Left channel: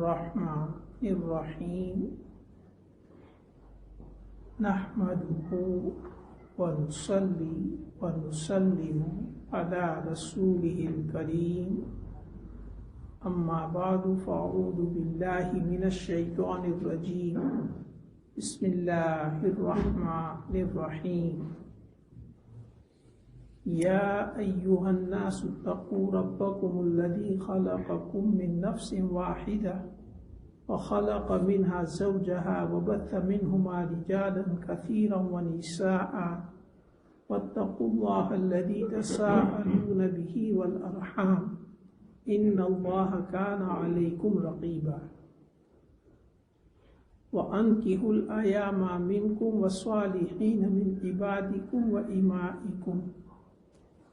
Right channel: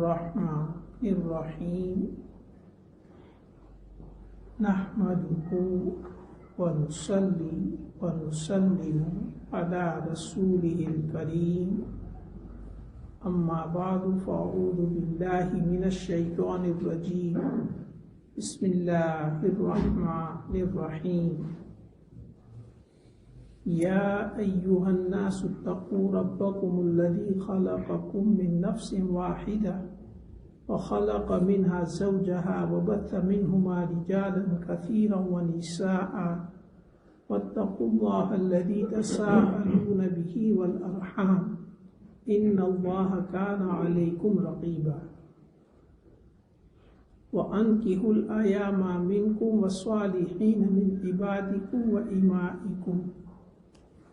الرحمن الرحیم نحمده ونصلی ونسلم علی رسوله الکریم اما بعد فاعوذ باللہ من الشیطان الرجیم بسم اللہ الرحمن الرحیم یا ایہا الناس اتقوا ربکم الذی خلقکم من نفس واحدہ وخلق منها زوجها وبث منهما رجالا كثيرا ونساء واتقوا الله الذي تساءلون به والأرحام إن الله كان عليكم رقيبا وأنكحوا الأيام منكم والصالحين من عبادكم وإمائكم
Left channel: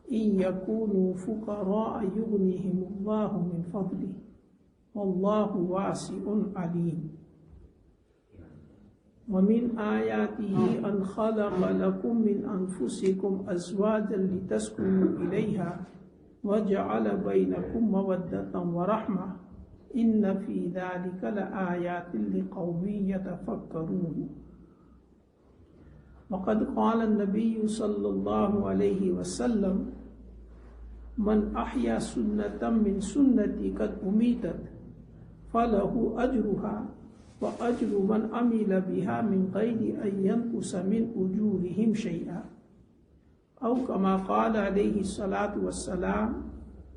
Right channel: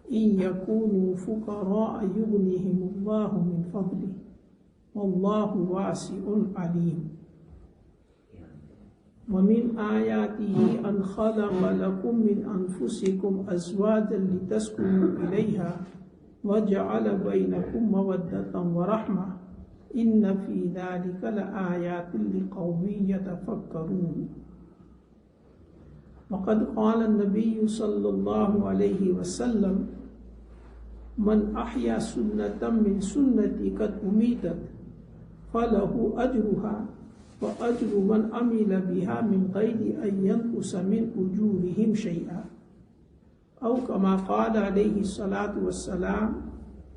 إن يكونوا فقراء يغنيهم الله من فضله والله واسع عليم ومن آياته أن خلق لكم من أنفسكم أزواجا لتسكنوا إليها وجعل بينكم مودة ورحمة إن في ذلك لآيات لقوم يتفكرون وقد قال النبي صلى الله عليه وسلم من أحيا سنة من سنتي قد أميتت فله أجرها وأجر من عمل بها من غير أن ينقص من أجورهم شيئا أو كما قال عليه الصلاة والسلام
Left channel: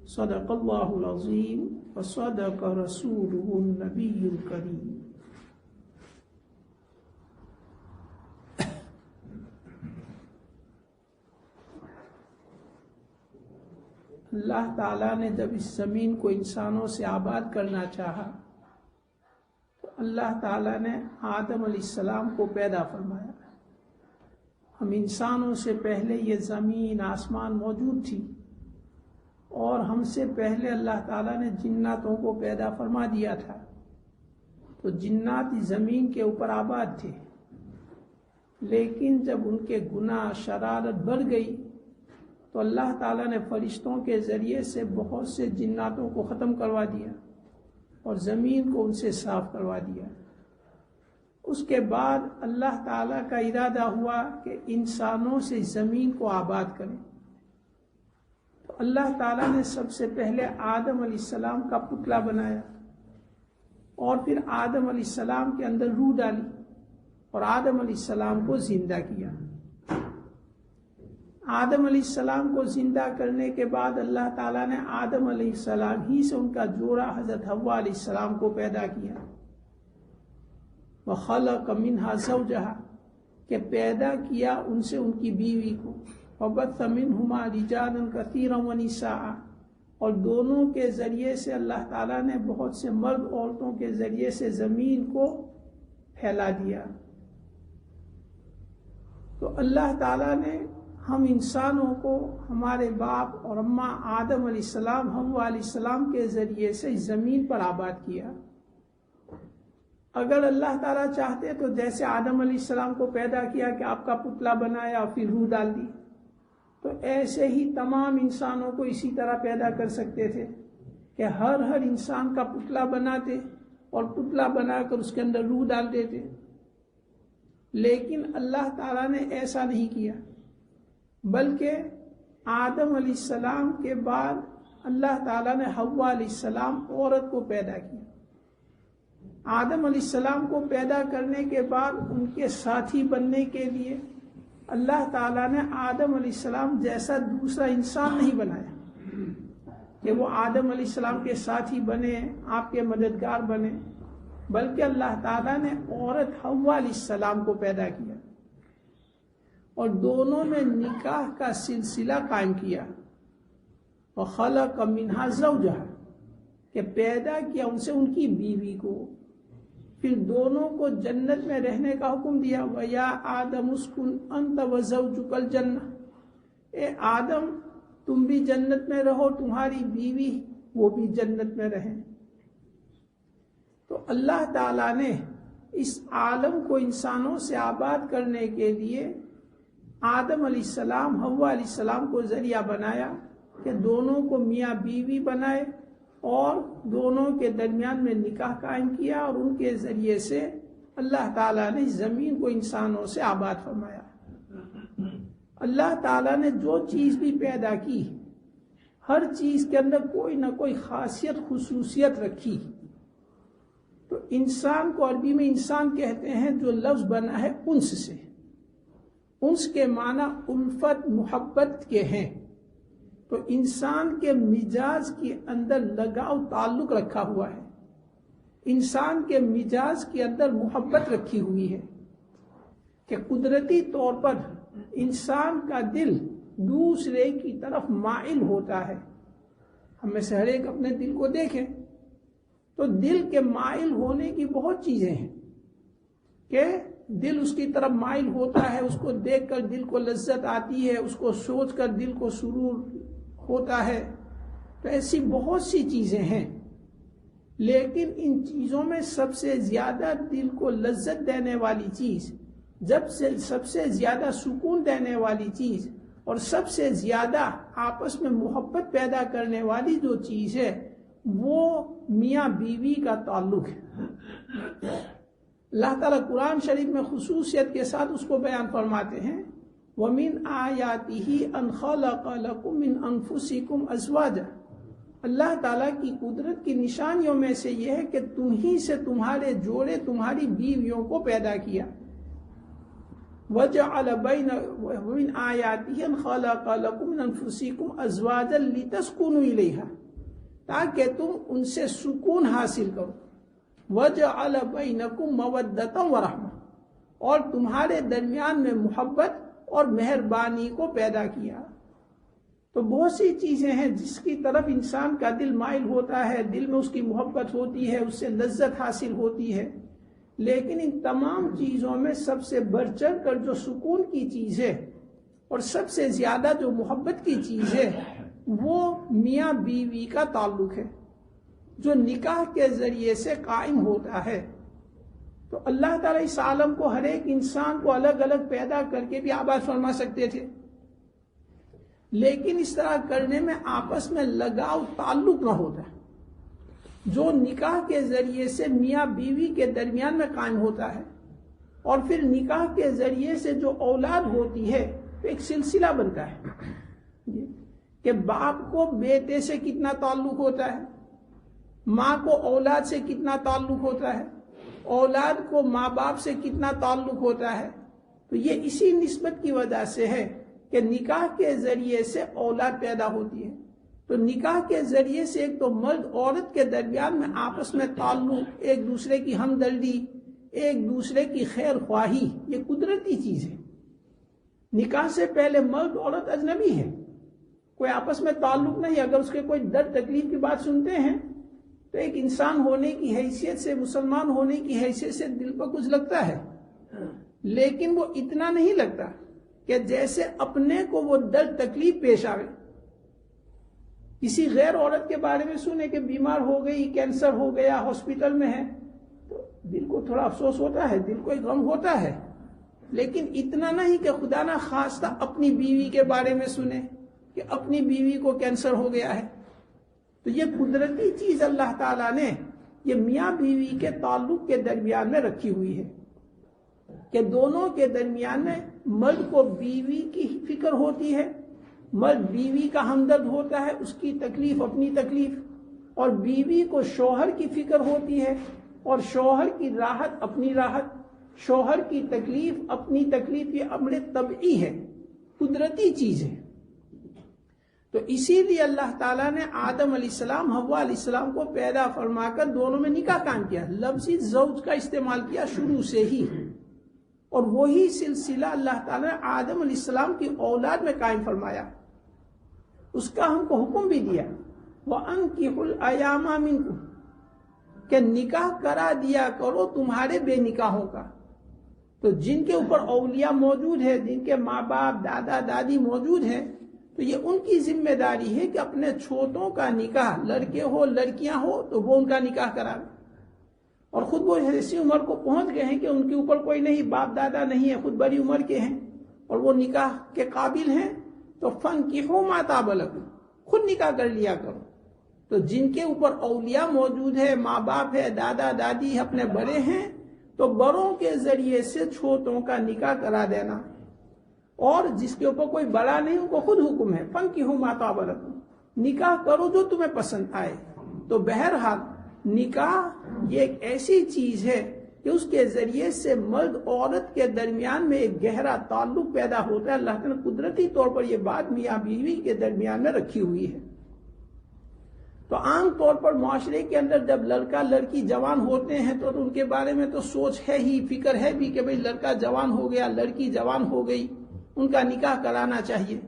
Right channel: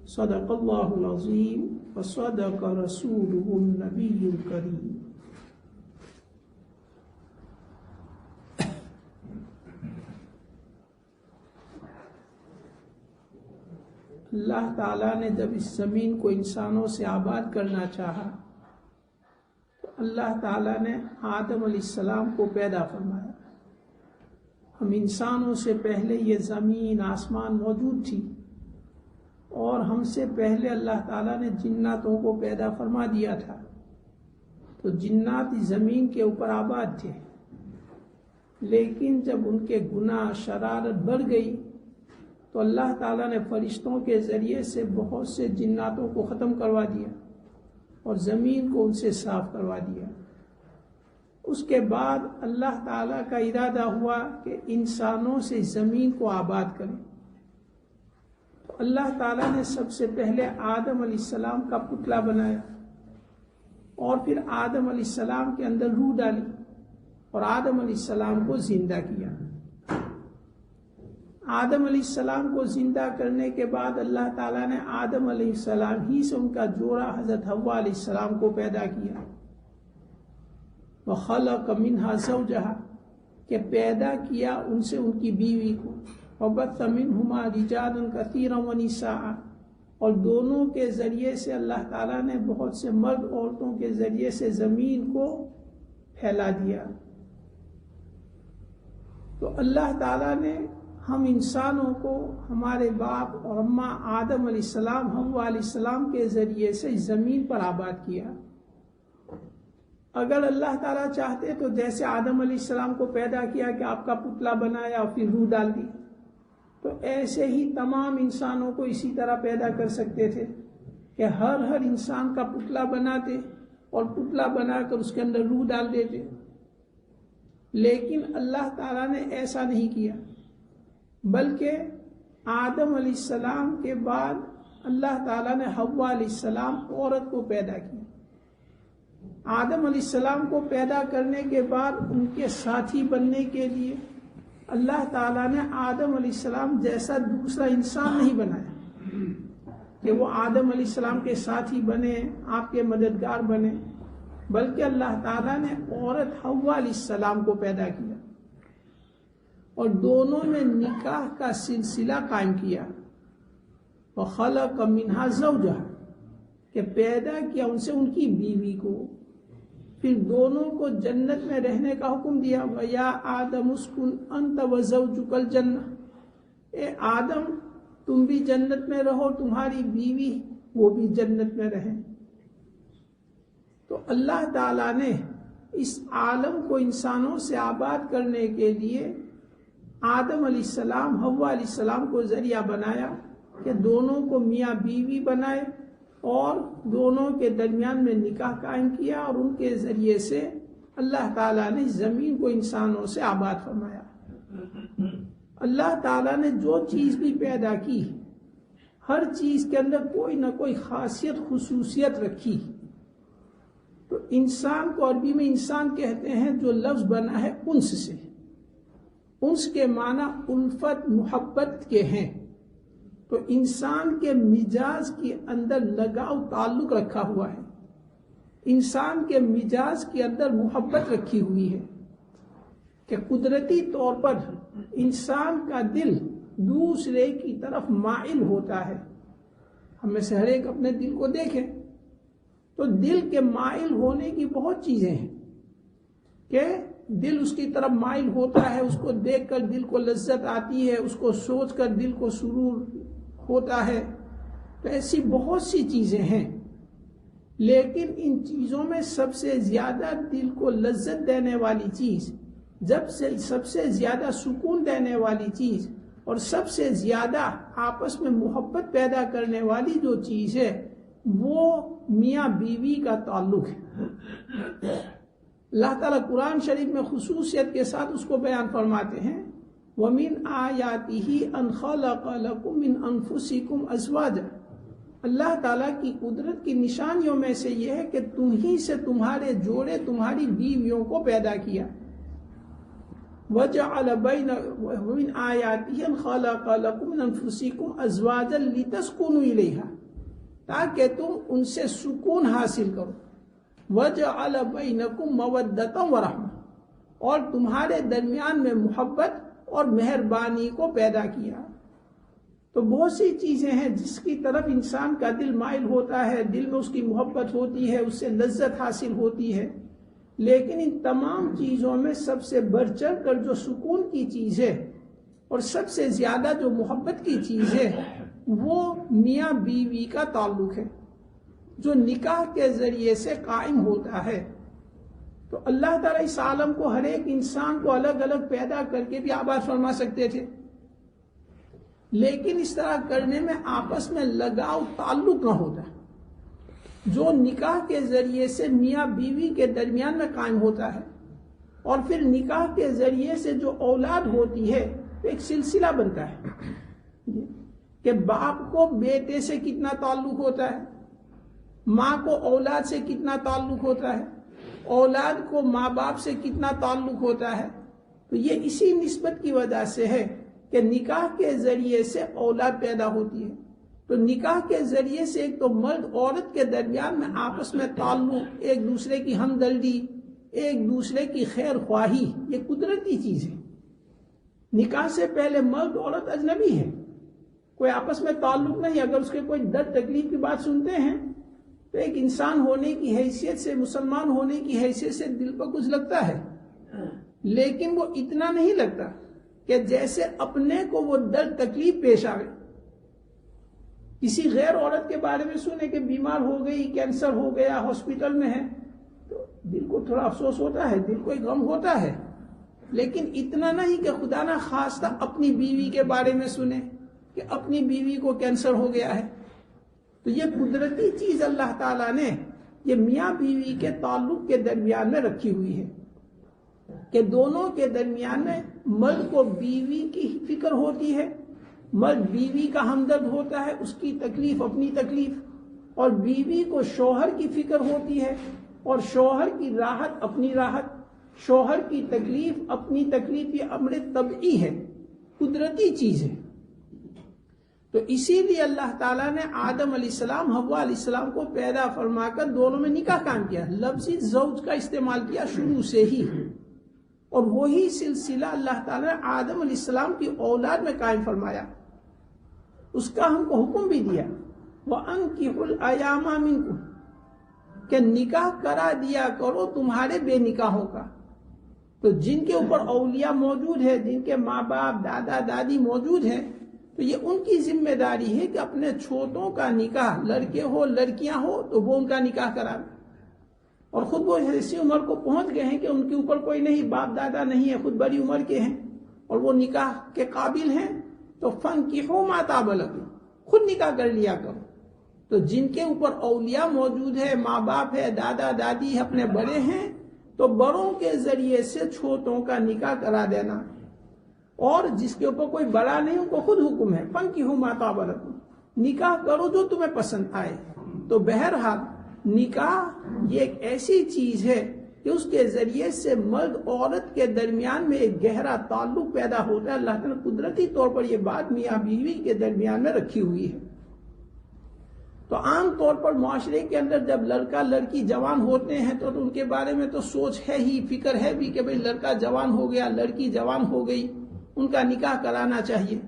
صدق الله العظيم وصدق رسوله النبي الكريم. اللہ تعالیٰ نے جب اس زمین کو انسانوں سے آباد کرنا چاہا تو اللہ تعالیٰ نے آدم علیہ السلام کو پیدا فرمایا. ہم انسانوں سے پہلے یہ زمین آسمان موجود تھی اور ہم سے پہلے اللہ تعالیٰ نے جناتوں کو پیدا فرما دیا تھا. تو جنات زمین کے اوپر آباد تھے، لیکن جب ان کے گناہ شرارت بڑھ گئی تو اللہ تعالیٰ نے فرشتوں کے ذریعے سے بہت سے جناتوں کو ختم کروا دیا اور زمین کو ان سے صاف کروا دیا. اس کے بعد اللہ تعالیٰ کا ارادہ ہوا کہ انسانوں سے زمین کو آباد کریں. تو اللہ تعالیٰ نے سب سے پہلے آدم علیہ السلام کا پتلا بنایا اور پھر آدم علیہ السلام کے اندر روح ڈالی اور آدم علیہ السلام کو زندہ کیا. آدم علیہ السلام کو زندہ کرنے کے بعد اللہ تعالیٰ نے آدم علیہ السلام ہی سے ان کا جوڑا حضرت حوا علیہ السلام کو پیدا کیا. وَخَلَقَ مِنْهَا زَوْجَهَا کہ پیدا کیا ان سے ان کی بیوی کو. وَبَثَّ مِنْهُمَا رِجَالًا كَثِيرًا وَنِسَاءً اور دونوں کے ذریعے سے اللہ تعالیٰ نے بہت سے مرد عورتوں کے ذریعے سے زمین کو پھیلا دیا. تو اللہ تعالیٰ نے ہم انسانوں کو ہمارے باپ اور اماں آدم علیہ السلام حوا علیہ السلام کے ذریعے سے زمین پر آباد کیا. اگر اللہ تعالیٰ چاہتے تو جیسے آدم علیہ السلام کو پیدا کیا کہ آپ کا پتلا بنایا اور پھر روح ڈال دی، تو ایسے ہی تمام انسانوں کو اسی طرح پیدا کر سکتے تھے کہ ہر انسان کا پتلا بناتے اور پتلا بنا کر اس کے اندر روح ڈال دیتے. لیکن اللہ تعالیٰ نے ایسا نہیں کیا، بلکہ آدم علیہ السلام کے بعد اللہ تعالیٰ نے حوا علیہ السلام عورت کو پیدا کیا. آدم علیہ السلام کو پیدا کرنے کے بعد ان کے ساتھی بننے کے لیے اللہ تعالیٰ نے آدم علیہ السلام جیسا دوسرا انسان نہیں بنایا کہ وہ آدم علیہ السلام کے ساتھی بنے، آپ کے مددگار بنے، بلکہ اللہ تعالیٰ نے عورت حوا علیہ السلام کو پیدا کیا اور دونوں میں نکاح کا سلسلہ قائم کیا. وَخَلَقَ مِنْهَا زَوْجَهَا کہ پیدا کیا ان سے ان کی بیوی کو. پھر دونوں کو جنت میں رہنے کا حکم دیا. وَيَا آدَمُ اسْكُنْ أَنْتَ وَزَوْجُكَ الْجَنَّةَ اے آدم تم بھی جنت میں رہو، تمہاری بیوی وہ بھی جنت میں رہیں. تو اللہ تعالیٰ نے اس عالم کو انسانوں سے آباد کرنے کے لیے آدم علیہ السلام حوا علیہ السلام کو ذریعہ بنایا کہ دونوں کو میاں بیوی بنائے اور دونوں کے درمیان میں نکاح قائم کیا، اور ان کے ذریعے سے اللہ تعالیٰ نے زمین کو انسانوں سے آباد فرمایا۔ اللہ تعالیٰ نے جو چیز بھی پیدا کی، ہر چیز کے اندر کوئی نہ کوئی خاصیت خصوصیت رکھی۔ تو انسان کو عربی میں انسان کہتے ہیں، جو لفظ بنا ہے انس سے۔ انس کے معنی الفت محبت کے ہیں۔ تو انسان کے مزاج کے اندر لگاؤ تعلق رکھا ہوا ہے، انسان کے مزاج کے اندر محبت رکھی ہوئی ہے کہ قدرتی طور پر انسان کا دل دوسرے کی طرف مائل ہوتا ہے۔ ہم میں سے ہر ایک اپنے دل کو دیکھیں تو دل کے مائل ہونے کی بہت چیزیں ہیں کہ دل اس کی طرف مائل ہوتا ہے، اس کو دیکھ کر دل کو لذت آتی ہے، اس کو سوچ کر دل کو سرور ہوتا ہے۔ تو ایسی بہت سی چیزیں ہیں، لیکن ان چیزوں میں سب سے زیادہ دل کو لذت دینے والی چیز، سب سے زیادہ سکون دینے والی چیز، اور سب سے زیادہ آپس میں محبت پیدا کرنے والی جو چیز ہے، وہ میاں بیوی کا تعلق ہے۔ اللہ تعالیٰ قرآن شریف میں خصوصیت کے ساتھ اس کو بیان فرماتے ہیں، وَمِنْ آيَاتِهِ أَنْ خَلَقَ لَكُم مِّنْ أَنفُسِكُمْ أَزْوَاجًا۔ اللہ تعالیٰ کی قدرت کی نشانیوں میں سے یہ ہے کہ تم ہی سے تمہارے جوڑے، تمہاری بیویوں کو پیدا کیا۔ وَجَعَلَ وَمِنْ آيَاتِهِ أَنْ خَلَقَ لَكُم مِّنْ أَنفُسِكُمْ أَزْوَاجًا لِتَسْكُنُوا إِلَيْهَا، تاکہ تم ان سے سکون حاصل کرو۔ وَجَعَلَ بَيْنَكُمْ مَوَدَّةً وَرَحْمَةً، اور تمہارے درمیان میں محبت اور مہربانی کو پیدا کیا۔ تو بہت سی چیزیں ہیں جس کی طرف انسان کا دل مائل ہوتا ہے، دل میں اس کی محبت ہوتی ہے، اس سے لذت حاصل ہوتی ہے، لیکن ان تمام چیزوں میں سب سے بڑھ چڑھ کر جو سکون کی چیز ہے اور سب سے زیادہ جو محبت کی چیز ہے، وہ میاں بیوی کا تعلق ہے، جو نکاح کے ذریعے سے قائم ہوتا ہے۔ تو اللہ تعالیٰ اس عالم کو، ہر ایک انسان کو الگ الگ پیدا کر کے بھی آباد فرما سکتے تھے، لیکن اس طرح کرنے میں آپس میں لگاؤ تعلق نہ ہوتا، جو نکاح کے ذریعے سے میاں بیوی کے درمیان میں قائم ہوتا ہے، اور پھر نکاح کے ذریعے سے جو اولاد ہوتی ہے ایک سلسلہ بنتا ہے کہ باپ کو بیٹے سے کتنا تعلق ہوتا ہے، ماں کو اولاد سے کتنا تعلق ہوتا ہے، اولاد کو ماں باپ سے کتنا تعلق ہوتا ہے۔ تو یہ اسی نسبت کی وجہ سے ہے کہ نکاح کے ذریعے سے اولاد پیدا ہوتی ہے۔ تو نکاح کے ذریعے سے ایک تو مرد عورت کے درمیان میں آپس میں تعلق، ایک دوسرے کی ہمدردی، ایک دوسرے کی خیر خواہی، یہ قدرتی چیز ہے۔ نکاح سے پہلے مرد عورت اجنبی ہے، کوئی آپس میں تعلق نہیں۔ اگر اس کے کوئی درد تکلیف کی بات سنتے ہیں تو ایک انسان ہونے کی حیثیت سے، مسلمان ہونے کی حیثیت سے دل کو کچھ لگتا ہے، لیکن وہ اتنا نہیں لگتا کہ جیسے اپنے کو وہ درد تکلیف پیش آئے۔ کسی غیر عورت کے بارے میں سنے کہ بیمار ہو گئی، کینسر ہو گیا، ہاسپٹل میں ہے، تو دل کو تھوڑا افسوس ہوتا ہے، دل کو ایک غم ہوتا ہے، لیکن اتنا نہیں کہ خدا نہ خواستہ اپنی بیوی کے بارے میں سنے کہ اپنی بیوی کو کینسر ہو گیا ہے۔ تو یہ قدرتی چیز اللہ تعالیٰ نے یہ میاں بیوی کے تعلق کے درمیان میں رکھی ہوئی ہے کہ دونوں کے درمیان میں مرد کو بیوی کی فکر ہوتی ہے، مرد بیوی کا ہمدرد ہوتا ہے، اس کی تکلیف اپنی تکلیف، اور بیوی کو شوہر کی فکر ہوتی ہے اور شوہر کی راحت اپنی راحت، شوہر کی تکلیف اپنی تکلیف۔ یہ امر طبعی ہے، قدرتی چیز ہے۔ تو اسی لیے اللہ تعالیٰ نے آدم علیہ السلام، حوا علیہ السلام کو پیدا فرما کر دونوں میں نکاح قائم کیا، لفظی زوج کا استعمال کیا شروع سے ہی، اور وہی سلسلہ اللہ تعالیٰ نے آدم علیہ السلام کی اولاد میں قائم فرمایا۔ اس کا ہم کو حکم بھی دیا، وَأَنكِحُوا الْأَيَامَ مِنكُمْ، کہ نکاح کرا دیا کرو تمہارے بے نکاحوں کا۔ تو جن کے اوپر اولیاء موجود ہے، جن کے ماں باپ دادا دادی موجود ہیں، تو یہ ان کی ذمہ داری ہے کہ اپنے چھوٹوں کا نکاح، لڑکے ہو لڑکیاں ہو تو وہ ان کا نکاح کرا، اور خود وہ ایسی عمر کو پہنچ گئے ہیں کہ ان کے اوپر کوئی نہیں، باپ دادا نہیں ہے، خود بڑی عمر کے ہیں اور وہ نکاح کے قابل ہیں، تو فَانكِحُوا مَا طَابَ لَكُمْ، خود نکاح کر لیا کرو۔ تو جن کے اوپر اولیاء موجود ہے، ماں باپ ہے، دادا دادی اپنے بڑے ہیں، تو بڑوں کے ذریعے سے چھوٹوں کا نکاح کرا دینا، اور جس کے اوپر کوئی بڑا نہیں ان کو خود حکم ہے فَانكِحُوا مَا طَابَ لَكُم، نکاح کرو جو تمہیں پسند آئے۔ تو بہرحال نکاح یہ ایک ایسی چیز ہے کہ اس کے ذریعے سے مرد عورت کے درمیان میں ایک گہرا تعلق پیدا ہوتا ہے۔ اللہ تعالیٰ نے قدرتی طور پر یہ بات میاں بیوی کے درمیان میں رکھی ہوئی ہے۔ تو عام طور پر معاشرے کے اندر جب لڑکا لڑکی جوان ہوتے ہیں تو ان کے بارے میں تو سوچ ہے ہی، فکر ہے بھی کہ بھئی لڑکا جوان ہو گیا، لڑکی جوان ہو گئی، ان کا نکاح کرانا چاہیے۔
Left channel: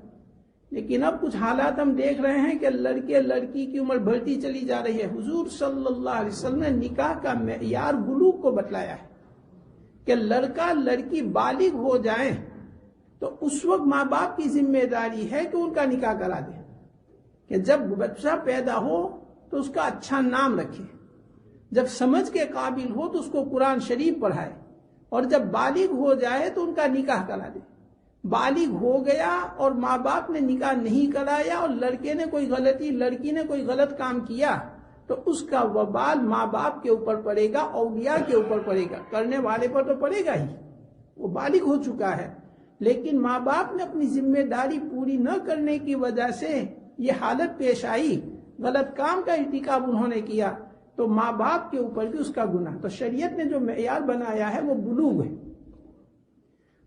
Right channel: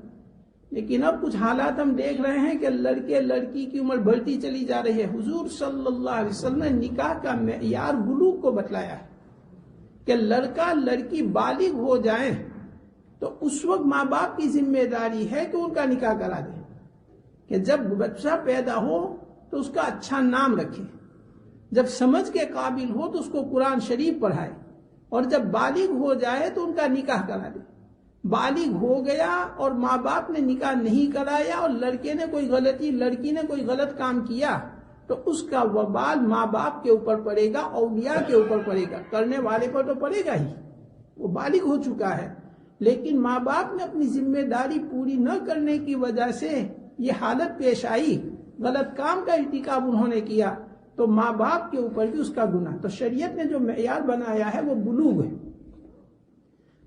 لیکن اب کچھ حالات ہم دیکھ رہے ہیں کہ لڑکے لڑکی کی عمر بڑھتی چلی جا رہی ہے۔ حضور صلی اللہ علیہ وسلم نے نکاح کا معیار بلوغ کو بتلایا ہے کہ لڑکا لڑکی بالغ ہو جائیں تو اس وقت ماں باپ کی ذمہ داری ہے کہ ان کا نکاح کرا دیں، کہ جب بچہ پیدا ہو تو اس کا اچھا نام رکھے، جب سمجھ کے قابل ہو تو اس کو قرآن شریف پڑھائے، اور جب بالغ ہو جائے تو ان کا نکاح کرا دے۔ بالغ ہو گیا اور ماں باپ نے نکاح نہیں کرایا اور لڑکے نے کوئی غلطی، لڑکی نے کوئی غلط کام کیا، تو اس کا وبال ماں باپ کے اوپر پڑے گا، اولیاء کے اوپر پڑے گا، کرنے والے پر تو پڑے گا ہی، وہ بالغ ہو چکا ہے، لیکن ماں باپ نے اپنی ذمہ داری پوری نہ کرنے کی وجہ سے یہ حالت پیش آئی، غلط کام کا ارتکاب انہوں نے کیا، تو ماں باپ کے اوپر بھی اس کا گناہ۔ تو شریعت نے جو معیار بنایا ہے وہ بلوغ ہے۔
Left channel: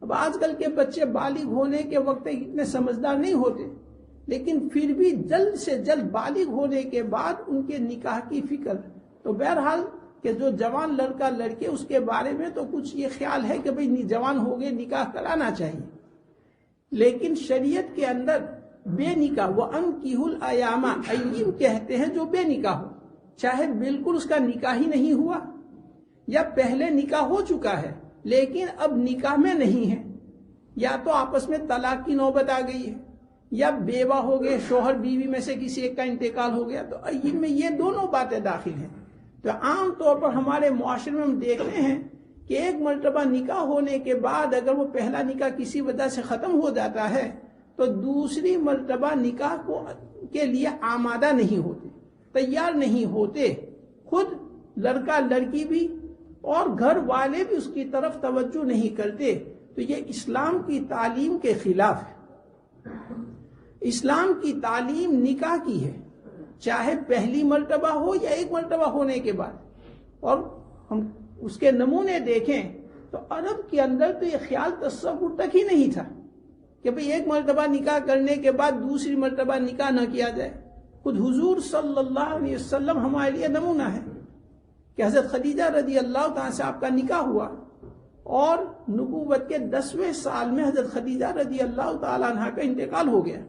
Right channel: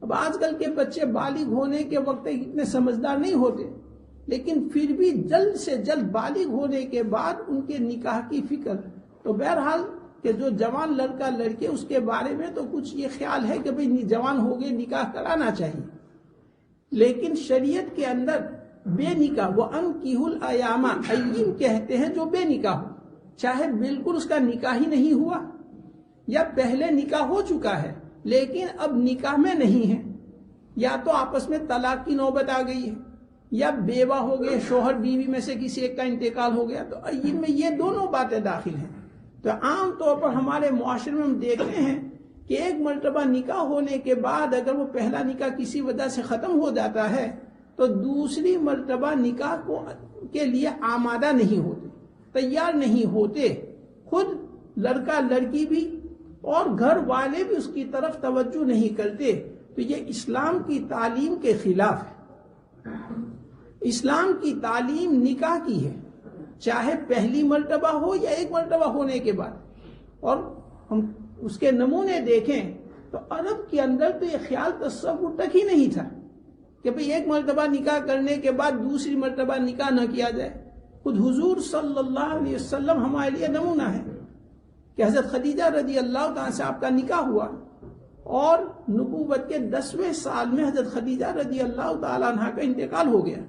اب آج کل کے بچے بالغ ہونے کے وقت اتنے سمجھدار نہیں ہوتے، لیکن پھر بھی جلد سے جلد بالغ ہونے کے بعد ان کے نکاح کی فکر۔ تو بہرحال کہ جو جوان لڑکا لڑکے اس کے بارے میں تو کچھ یہ خیال ہے کہ بھئی جوان ہو گئے نکاح کرانا چاہیے، لیکن شریعت کے اندر بے نکاح وَأَنكِحُوا الْأَيَامَ، ایّم کہتے ہیں جو بے نکاح ہو، چاہے بالکل اس کا نکاح ہی نہیں ہوا یا پہلے نکاح ہو چکا ہے لیکن اب نکاح میں نہیں ہے، یا تو آپس میں طلاق کی نوبت آ گئی ہے، یا بیوہ ہو گئے، شوہر بیوی میں سے کسی ایک کا انتقال ہو گیا، تو ایّم میں یہ دونوں باتیں داخل ہیں۔ تو عام طور پر ہمارے معاشرے میں ہم دیکھتے ہیں کہ ایک مرتبہ نکاح ہونے کے بعد اگر وہ پہلا نکاح کسی وجہ سے ختم ہو جاتا ہے تو دوسری مرتبہ نکاح کے لیے آمادہ نہیں ہوتے، تیار نہیں ہوتے، خود لڑکا لڑکی بھی اور گھر والے بھی اس کی طرف توجہ نہیں کرتے۔ تو یہ اسلام کی تعلیم کے خلاف ہے۔ اسلام کی تعلیم نکاح کی ہے، چاہے پہلی مرتبہ ہو یا ایک مرتبہ ہونے کے بعد۔ اور ہم اس کے نمونے دیکھیں تو عرب کے اندر تو یہ خیال تصور تک ہی نہیں تھا کہ بھئی ایک مرتبہ نکاح کرنے کے بعد دوسری مرتبہ نکاح نہ کیا جائے۔ خود حضور صلی اللہ علیہ وسلم ہمارے لیے نمونہ ہے کہ حضرت خدیجہ رضی اللہ تعالیٰ سے آپ کا نکاح ہوا، اور نبوت کے 10ویں سال میں حضرت خدیجہ رضی اللہ تعالیٰ عنہ کا انتقال ہو گیا۔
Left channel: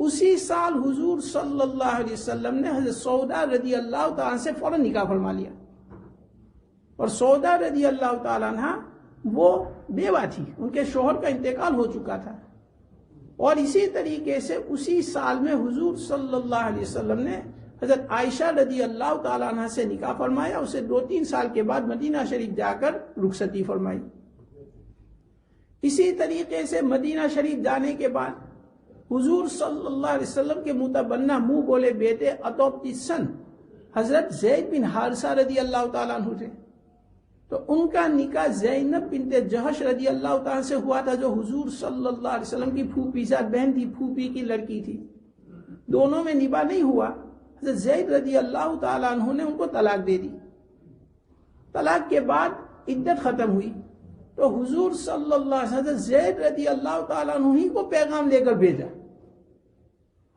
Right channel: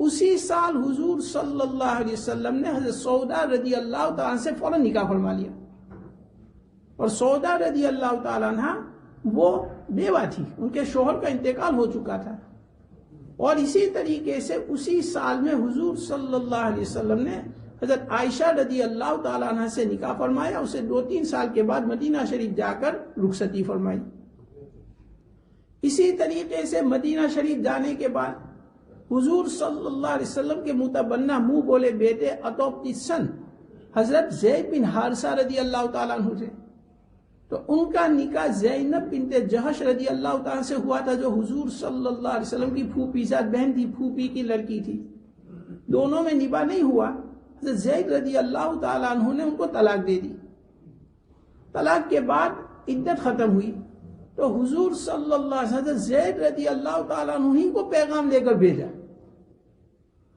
اسی سال حضور صلی اللہ علیہ وسلم نے حضرت سودا رضی اللہ تعالیٰ سے فوراً نکاح فرما لیا، اور سودا رضی اللہ تعالیٰ عنہ وہ بیوہ تھی، ان کے شوہر کا انتقال ہو چکا تھا۔ اور اسی طریقے سے اسی سال میں حضور صلی اللہ علیہ وسلم نے حضرت عائشہ رضی اللہ تعالیٰ عنہ سے نکاح فرمایا، اسے 2-3 سال کے بعد مدینہ شریف جا کر رخصتی فرمائی۔ اسی طریقے سے مدینہ شریف جانے کے بعد حضور صلی اللہ علیہ وسلم کے متبنہ منہ بولے بیٹے عطوطسن حضرت زید بن حارثہ رضی اللہ تعالیٰ عنہ تھے، تو ان کا نکاح زینب بنت جہش رضی اللہ تعالیٰ سے ہوا تھا، جو حضور صلی اللہ علیہ وسلم کی پھوپھی ذات بہن تھی، پھوپھی کی لڑکی تھی۔ دونوں میں نکاح نہیں ہوا، حضرت زید رضی اللہ تعالیٰ عنہ نے ان کو طلاق دے دی۔ طلاق کے بعد عدت ختم ہوئی تو حضور صلی اللہ علیہ وسلم حضرت زید رضی اللہ تعالیٰ عنہ ہی کو پیغام دے کر بھیجا۔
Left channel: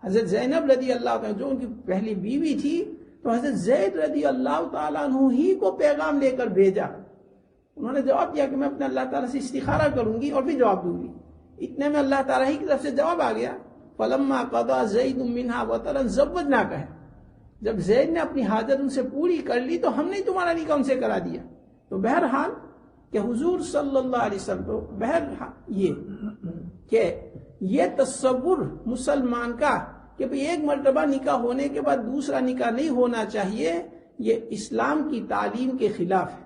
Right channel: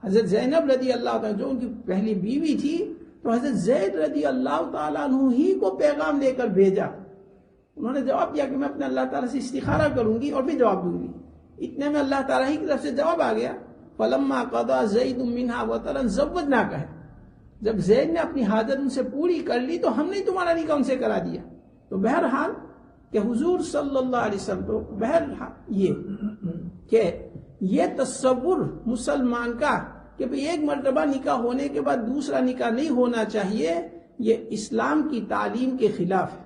حضرت زینب رضی اللہ تعالیٰ جو ان کی پہلی بیوی تھی، تو حضرت زید رضی اللہ تعالیٰ عنہ ہی کو پیغام دے کر بھیجا۔ انہوں نے جواب دیا کہ میں اپنے اللہ تعالیٰ سے استخارہ کروں گی اور بھی جواب دوں گی۔ اتنے میں اللہ تعالیٰ ہی کی طرف سے جواب آ گیا، فَلَمَّا قَضَى زَيْدٌ مِّنْهَا وَطَرًا زَوَّجْنَاكَهَا، جب زید نے اپنی حاجت ان سے پوری کر لی تو ہم نے تمہارا نکاح ان سے کرا دیا۔ تو بہرحال کہ حضور صلی اللہ علیہ وسلم کو بہرحال یہ تصور مسلمان کا کہ ایک مرتبہ نکاح ہونے کے بعد دوسرا نکاح نہیں ہونا چاہیے، یہ اسلام کی تعلیم کے خلاف ہے۔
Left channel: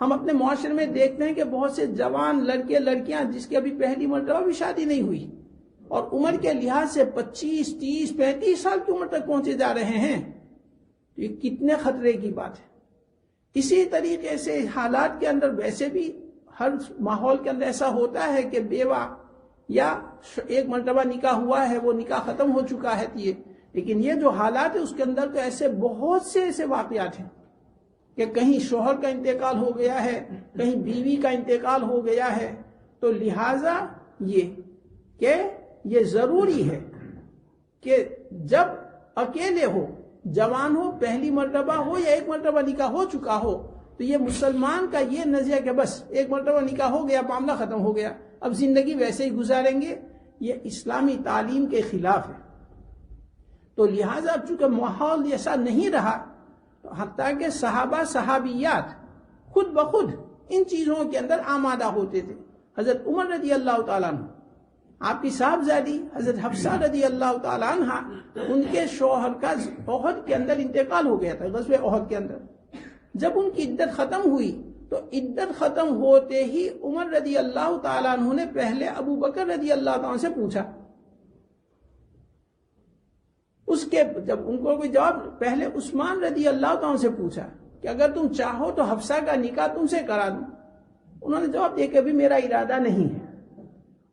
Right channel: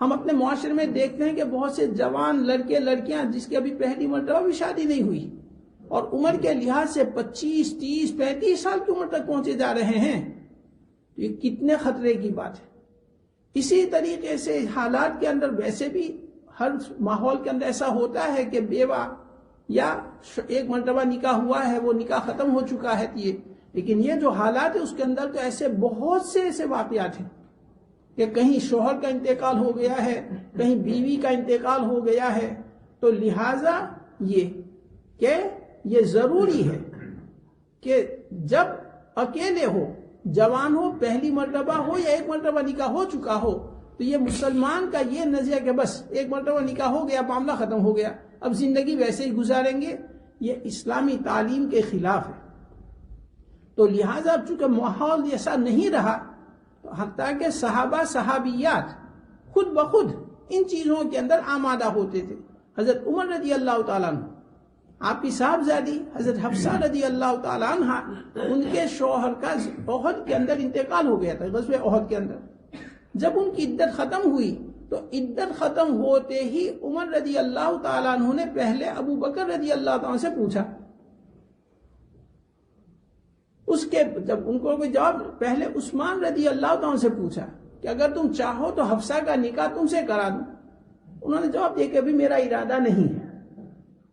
ہم اپنے معاشرے میں دیکھتے ہیں کہ بہت سے جوان لڑکے لڑکیاں جس کی ابھی پہلی مرتبہ بھی شادی نہیں ہوئی، اور عمر کے لحاظ سے 25, 30, 35 سال کی عمر تک پہنچے جا رہے ہیں، یہ کتنے خطرے کی بات ہے۔ اسی طریقے سے حالات کے اندر ویسے بھی ہر ماحول کے اندر ایسا ہوتا ہے کہ بیوہ یا ایک مرتبہ نکاح ہوا ہے، وہ نکاح ختم ہو چکا ہے، لیکن یہ جو حالات ہے اس کے اندر تو ایسے بہت سے ایسے واقعات ہیں کہ کہیں شوہر کا انتقال ہو گیا ہے، کہیں بیوی کا انتقال ہو گیا ہے، تو لہٰذا یہ ضروری ہے کہ جب اکیلے ہو، جوان ہو، پہلی مرتبہ ہو یا ایک مرتبہ نکاح ہو چکا ہو، تو یہ مسلمان کا یہ نظریہ کہ بس ایک مرتبہ نکاح ہو گیا، معاملہ ختم ہو گیا، اب زندگی ویسے ہی گزاریں گے، یہ اسلامی تعلیم کے خلاف ہے۔ تو لہٰذا اب چونکہ ماحول ایسا نہیں رہا، تو حتیٰ کہ صحابہ صحابیات خود بخود ان چیزوں کے اندر آمادہ ہوتے تھے۔ حضرت عمر رضی اللہ تعالیٰ عنہ، آپ کی صاحبزادی حضرت حفصہ رضی اللہ تعالیٰ عنہ، ان کے شوہر کا احد کے اندر انتقال ہو گیا تھا، غزوہ احد کے اندر۔ جب ان کی عدت ختم ہوئی تو عدت ختم ہوتے ہی عمر رضی اللہ تعالیٰ عنہ نے پہلے ابو بکر رضی اللہ تعالیٰ عنہ سے پوچھا، اس کے جب ان کو کوئی جواب، پہلے عثمان رضی اللہ تعالیٰ عنہ سے پوچھا کہ اگر تم چاہو تو حفصہ کا نکاح تم سے کرا دوں۔ انہوں نے جواب دیا کہ ابھی میرا ارادہ نہیں ہے۔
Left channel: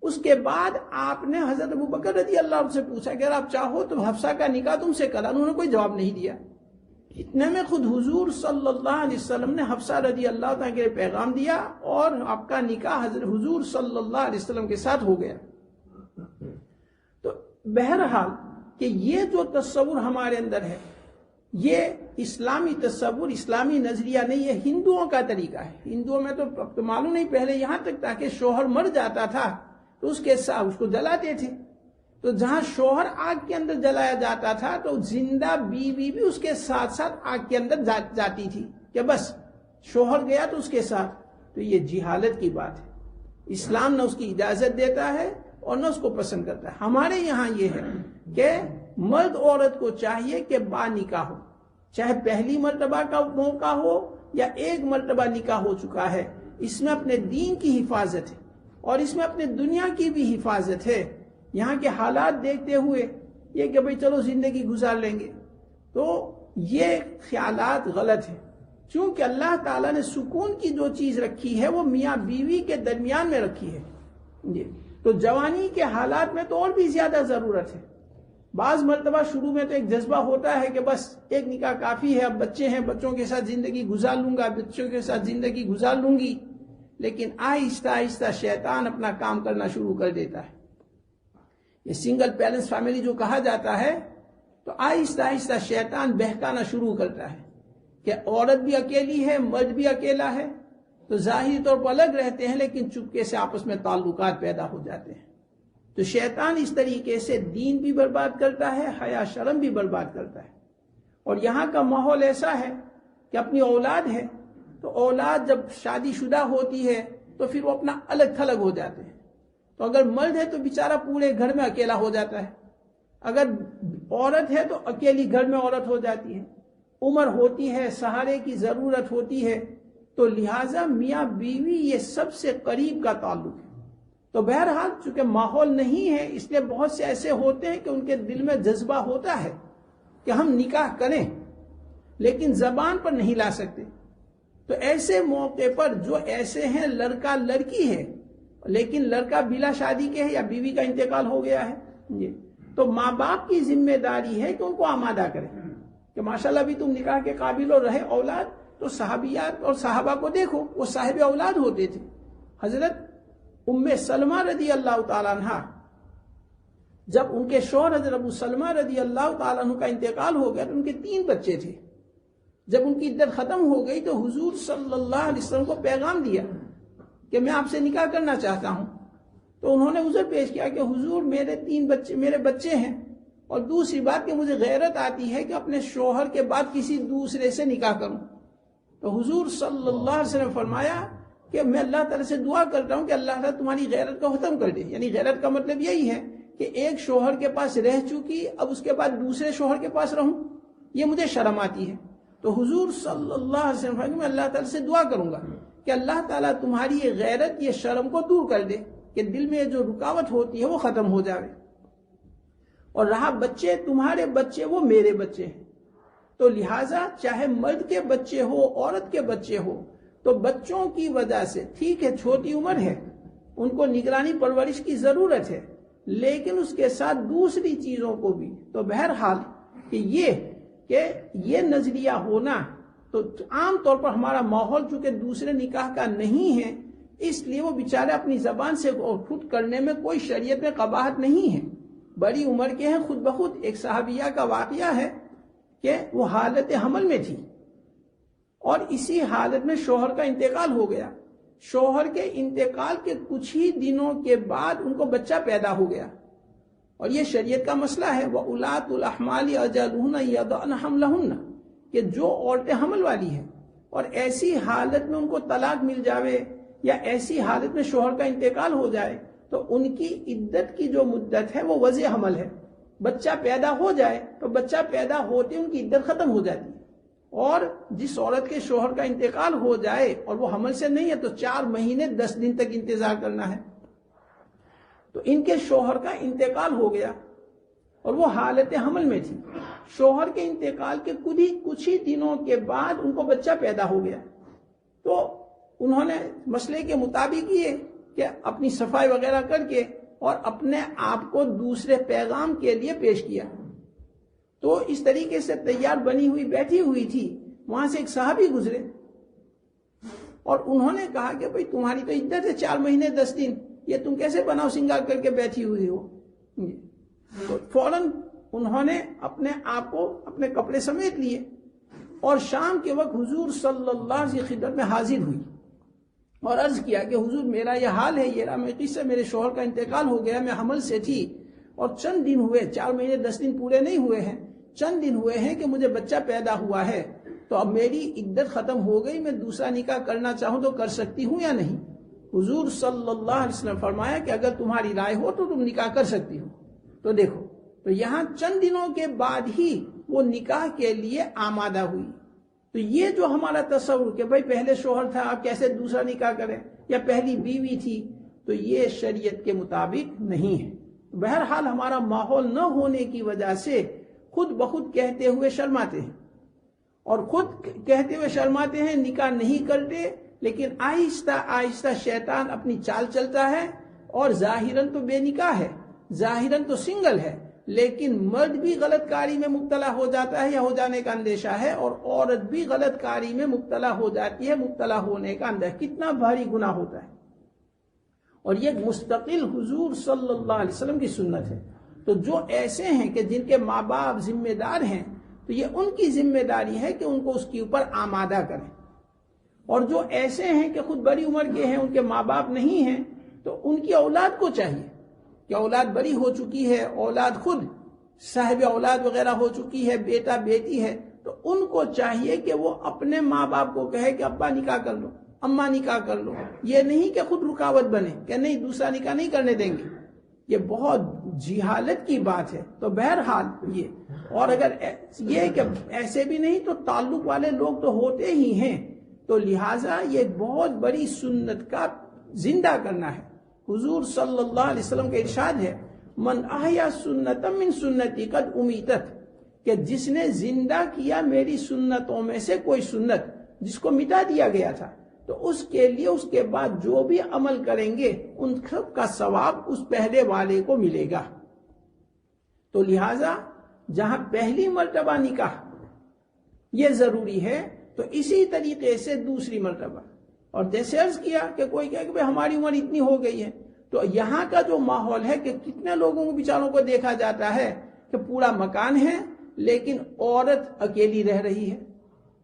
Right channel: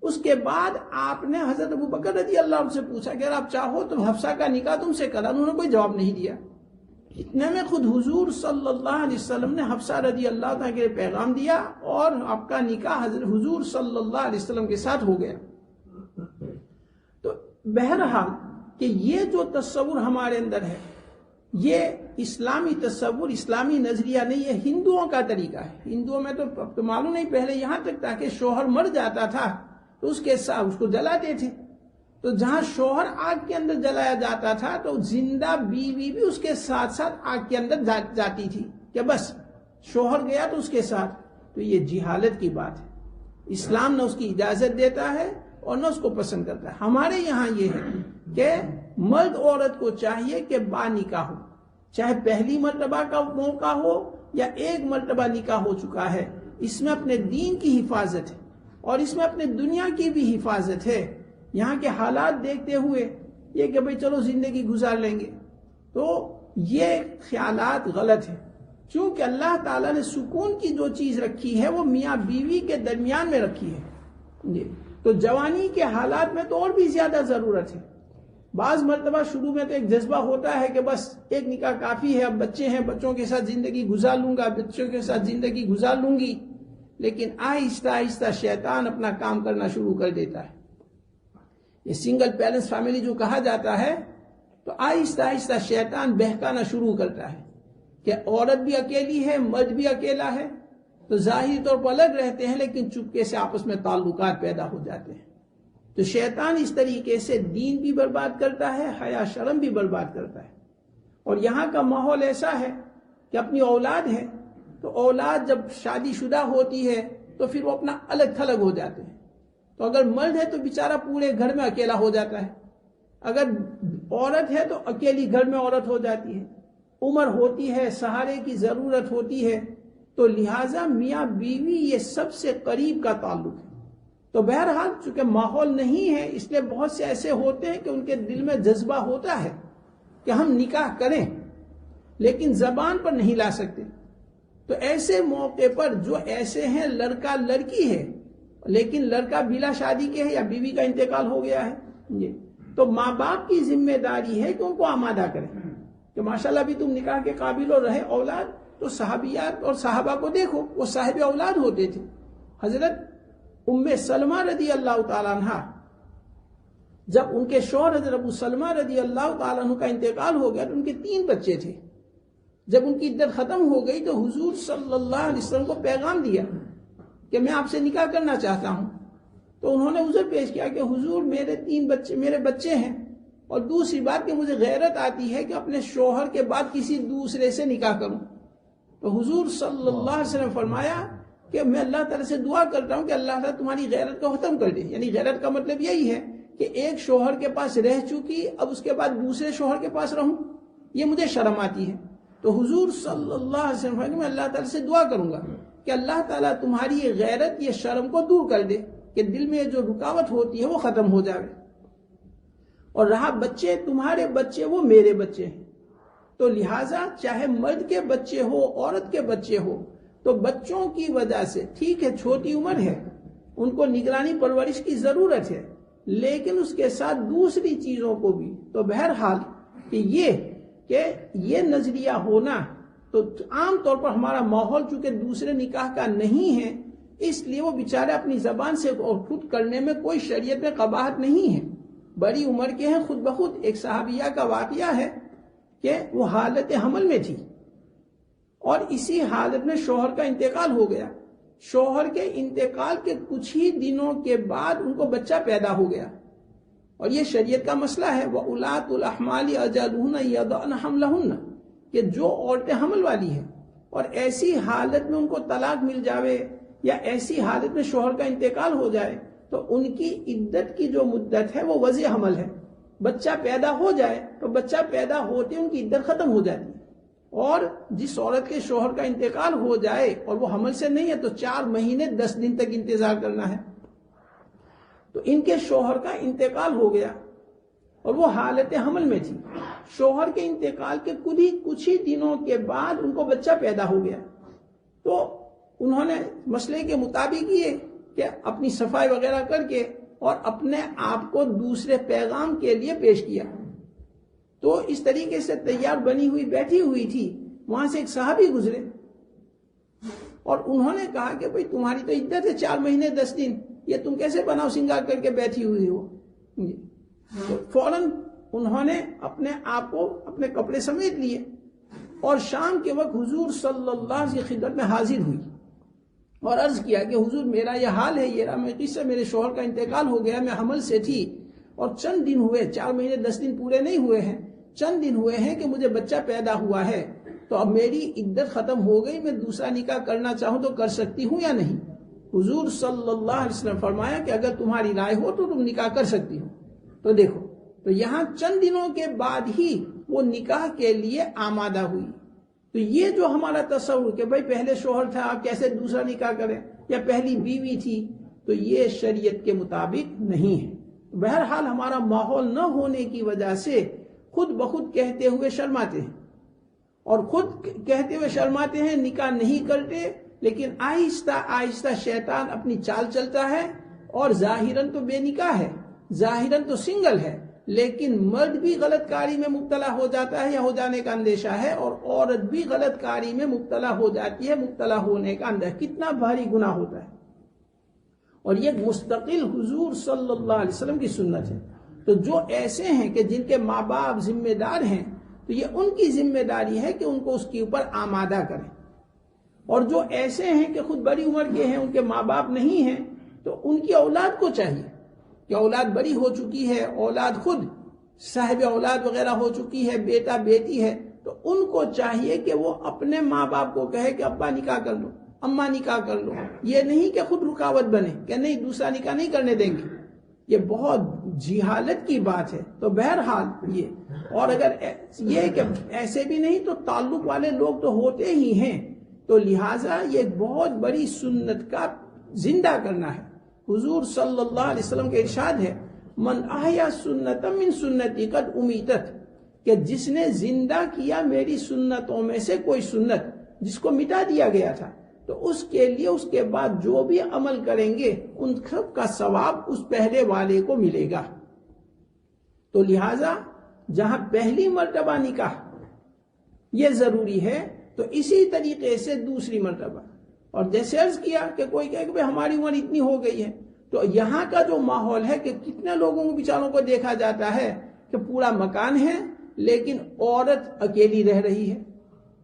اس کے بعد آپ نے حضرت ابو بکر رضی اللہ عنہ سے پوچھا کہ اگر آپ چاہو تو حفصہ کا نکاح تم سے کرا دوں، انہوں نے کوئی جواب نہیں دیا۔ اتنے میں خود حضور صلی اللہ علیہ وسلم نے حفصہ رضی اللہ تعالیٰ کے پیغام دیا اور آپ کا نکاح حضرت حضور صلی اللہ علیہ وسلم کے ساتھ ہو گیا۔ تو بہرحال کہ یہ جو تصور ہمارے اندر ہے، یہ اسلامی تصور، اسلامی نظریہ نہیں، یہ ہندوؤں کا طریقہ ہے۔ ہندوؤں میں تو معلوم نہیں، پہلے یہاں تک تھا کہ شوہر مر جاتا تھا تو اس کے ساتھ اس کو جلاتے تھے، تو جہاں شوہر آگ کے اندر جلایا جاتا تھا تو زندہ بیوی بھی اس کے ساتھ ساتھ آگ کے اندر جاتی تھی کہ بس شوہر گیا تو اس کے ساتھ۔ تو یہ جہالت کی بات ہے، اسلام نہ اس کی اجازت دیتا ہے اور نہ اس کو پسند کرتا ہے۔ ہمارے یہاں یہ ہے کہ مرد عورت کو چاہیے کہ با نکاح ہو، چاہے پہلی مرتبہ کا موقع ہو یا ایک مرتبہ نکاح ہو چکا ہے، اس میں اپنے دین کی حفاظت ہے اور اس میں اپنے دنیا کی بھی حفاظت ہے۔ یہاں کے حالات دیکھتے ہوئے یہ کہ بھئی چلو زندگی گزار لیں گے، تو یہ خیالات غلط ہیں، چونکہ اللہ تعالیٰ نے سکون کی جو چیز رکھی ہے وہ میاں بیوی کے درمیان میں رکھی ہے، تو جوانی کے حالات میں تو اور بھی زیادہ ضرورت ہے۔ بعض مرتبہ شروع میں تو ایک جذبہ ہوتا ہے کہ بس ایک نکاح کافی ہے، اب بچے ہیں، بچوں کے ساتھ زندگی گزار لوں گا، بچوں کے ساتھ زندگی گزار لوں گی، لیکن آہستہ آہستہ شیطان اپنا کام کرنا شروع کر دیتا ہے۔ یہ سنگل پیرنٹس فیملی جو کہا جاتا ہے، تو آہستہ آہستہ شیطان بہکانا شروع کرتا ہے کہ عورت بھی اکیلی ہے، مرد بھی اکیلا ہے، تو ظاہری طور پر الگ رہتے ہیں لیکن چپکے سے آپس میں تعلقات پیدا ہو جاتے ہیں۔ تو شیطان اس طریقے سے دین بھی برباد کرتا ہے، حیا شرم بھی برباد کرتا ہے۔ اور یہاں کا ماحول ایسا ہے کہ اپنی اولاد ہے تو اولاد جب شادی شدہ ہوتی ہے تو پھر وہ اپنا الگ تھلگ ہو جاتے ہیں، تو اگر مرد ہے تو بیچارہ پورے گھر میں اکیلا ہو جاتا ہے، اگر عورت ہے تو اکیلی گھر میں عورت ہو جاتی ہے، عمر ہوتی ہے، سہارے کی ضرورت ہوتی ہے، تو لہٰذا میاں بیوی یہ سب سے قریب کا تعلق ہے۔ تو بہرحال چونکہ ماحول نہیں ہے، اس لیے بہت سے ایسے ہوتے ہیں کہ ان کے دل میں جذبہ ہوتا ہے کہ ہم نکاح کریں لیکن زبان پر نہیں لا سکتے، تو ایسے موقع پر جو ایسے ہیں لڑکا لڑکی ہے لیکن لڑکا بلا شادی کے ہے یا بیوی کا انتقال ہو گیا ہے، تو ماں باپ کی ذمہ داری ہے کہ ان کو آمادہ کریں کہ ماشاءاللہ بھی تم نکاح کے قابل ہو، رہے اولاد تو صحابیات اور صحابہ کو دیکھو، وہ صاحب اولاد ہوتے تھے۔ حضرت ام سلمہ رضی اللہ تعالیٰ عنہ، جب ان کے شوہر حضرت ابو سلمہ رضی اللہ تعالیٰ عنہ کا انتقال ہو گیا تو ان کے 3 بچے تھے۔ جب ان کی عدت ختم ہو گئی تو حضور صلی اللہ علیہ وسلم کو پیغام دیا کہ میں آپ سے نکاح کرنا چاہتا ہوں، تو انہوں نے عذر پیش کیا کہ حضور میرے بچے ہیں، اور دوسری بات کہ مجھے غیرت آتی ہے کہ اپنے شوہر کے بعد کسی دوسرے سے نکاح کروں۔ تو حضور صلی اللہ علیہ وسلم نے فرمایا کہ میں اللہ تعالیٰ سے دعا کرتا ہوں کہ اللہ تعالیٰ تمہاری غیرت کو ختم کر دے۔ یعنی غیرت کا مطلب یہی ہے کہ ایک شوہر کے پاس رہ چکی، اب اس کے بعد دوسرے شوہر کے پاس رہوں، یہ مجھے شرم آتی ہے۔ تو حضور صلی اللہ علیہ وسلم نے میں اللہ تعالیٰ سے دعا کروں گا کہ اللہ تعالیٰ تمہاری یہ غیرت، یہ شرم کو دور کر دے، کہ دل میں جو رکاوٹ ہوتی ہے وہ ختم ہو جائے۔ اور رہا بچے، تمہارے بچے وہ میرے بچے ہیں. تو لہٰذا چاہے مرد کے بچے ہو عورت کے بچے ہو، تو بچوں کی وجہ سے ٹھیک ہے چھوٹی عمر ہے، ان کو نگرانی پرورش کی ضرورت ہے، لیکن اس کے ساتھ دوسری چیزوں کو بھی. تو بہرحال کہ یہ نظریہ ہونا، تو عام طور پر ہمارا ماحول چونکہ دوسرے نکاح کا نہیں ہے، اس لیے وہ بیچارے اپنی زبان سے اور خود کرنے میں کوئی شریعت میں قباحت نہیں ہے. بڑی عمر کے ہیں خود بخود. ایک صحابیہ کا واقعہ ہے کہ وہ حالت حمل میں تھی اور اسی حالت میں شوہر کا انتقال ہو گیا. شوہر کے انتقال کے کچھ ہی دنوں کے بعد ان کو بچہ پیدا ہو گیا، اور یہ شریعت کا مسئلہ ہے. وَأُولَاتُ الْأَحْمَالِ أَجَلُهُنَّ يَضَعْنَ حَمْلَهُنَّ، کہ جو عورتیں حمل والی ہیں اور ایسی حالت میں ان کو طلاق مل جاوے یا ایسی حالت میں شوہر کا انتقال ہو جائے، تو ان کی عدت کی جو مدت ہے وہ وضع حمل ہے. بچہ پیدا ہو جائے تو بچہ پیدا ہوتے ان کی عدت ختم ہو جاتی ہے. اور جس عورت کے شوہر کا انتقال ہو جائے اور وہ حمل سے نہیں ہے تو 4 مہینے 10 دن تک انتظار کرنا ہے. تو ان کے شوہر کا انتقال ہو گیا اور وہ حالت حمل میں تھی. شوہر کے انتقال کے کچھ ہی دنوں کے بعد ان کو بچہ پیدا ہو گیا. تو انہوں نے مسئلے کے مطابق یہ کہ اپنی صفائی وغیرہ کر کے اور اپنے آپ کو دوسرے پیغام کے لیے پیش کیا. تو اس طریقے سے تیار بنی ہوئی بیٹھی ہوئی تھی، وہاں سے ایک صحابی گزرے اور انہوں نے کہا کہ بھئی تمہاری تو عدت ہے 4 مہینے 10 دن، یہ تم کیسے بناؤ سنگار کر کے بیٹھی ہوئی ہو. تو فوراً انہوں نے اپنے آپ کو اپنے کپڑے سمیٹ لیے اور شام کے وقت حضور صلی اللہ علیہ وسلم کی خدمت میں حاضر ہوئی اور عرض کیا کہ حضور میرا یہ حال ہے، میرے شوہر کا انتقال ہو گیا، میں حمل سے تھی اور چند دن ہوئے، 4 مہینے 10 دن پورے نہیں ہوئے ہیں، چند دن ہوئے ہیں کہ مجھے بچہ پیدا ہوا ہے. تو اب میری عدت ختم ہو گئی، میں دوسرا نکاح کرنا چاہوں تو کر سکتی ہوں یا نہیں؟ حضور صلی اللہ علیہ وسلم فرمایا کہ اگر تمہاری رائے ہو تو تم نکاح کر سکتی ہو. تو دیکھو، تو یہاں چند دنوں کے بعد ہی وہ نکاح کے لیے آمادہ ہوئی. تو یہ جو ہمارا تصور کہ بھئی پہلے شوہر تھا آپ کیسے دوسرا نکاح کریں، یا پہلی بیوی تھی، تو یہ شریعت کے مطابق نہیں ہے. بہرحال ہمارا ماحول نہ ہونے کی وجہ سے خود بخود کہتے ہوئے شرماتے ہیں، اور خود کہتے ہوئے شرماتے ہیں، نکاح نہیں کرتے، لیکن آہستہ آہستہ شیطان اپنی چال چلتا ہے اور ظاہراً تو بے نکاح ہے، ظاہراً تو سنگل ہے، لیکن مرد بھی غلط کاری میں مبتلا ہو جاتا ہے یا ہو جانے کا اندیشہ ہے، اور عورت بھی غلط کاری میں مبتلا ہو جاتی ہے، مبتلا ہونے کا اندیشہ. کتنا بھاری گناہ ہوتا ہے، اور یہ مستقل حضور صلی اللہ علیہ وسلم کی سنت ہے. تو جو ایسے ہیں کہ جن کے ماں باپ ذمہ دار ہیں، تو یہ ان کی ذمہ داری ہے کہ ان کو اس کے اوپر آمادہ کریں. اور جو ایسے ہیں کہ خود بڑی عمر کے ہیں، ان کے ماں باپ نہیں ہیں، تو ان کی اولاد کو چاہیے کہ اولاد بڑی ہو چکی ہے، اولاد خود صاحب اولاد وغیرہ ہو چکی ہے، بیٹا بیٹی ہے، تو ان کو چاہیے کہ وہ اپنے ماں باپ کو کہے کہ ابا نکاح کر لو، اماں نکاح کر لو. یہ نہیں کہ خود رکاوٹ بنے کہ نہیں دوسرا نکاح نہیں کرنے دیں گے. یہ بہت جہالت کی بات ہے. تو بہرحال یہ، اور اگر یہ کہ ایسے بھی نہیں تو تعلق والے لوگ تو ہوتے ہی ہیں. تو لہٰذا یہ بہت بڑی سنت کا زندہ کرنا ہے. حضور صلی اللہ علیہ وسلم کا ارشاد ہے، من احیا سنت من سنتی قد امیتت، کہ جس نے زندہ کیا میری سنتوں میں سے کوئی سنت جس کو مٹا دیا گیا تھا، تو اس کے لیے اس کے بعد جو بھی عمل کریں گے ان سب کا ثواب اس پہلے والے کو ملے گا. تو لہٰذا جہاں پہلی مرتبہ نکاح یہ ضروری ہے، تو اسی طریقے سے دوسری مرتبہ. اور جیسے عرض کیا کہ کوئی کہے کہ ہماری عمر اتنی ہو گئی ہے، تو یہاں کا جو ماحول ہے کہ کتنے لوگوں کو بیچاروں کو دیکھا جاتا ہے کہ پورا مکان ہے لیکن عورت اکیلی رہ رہی ہے،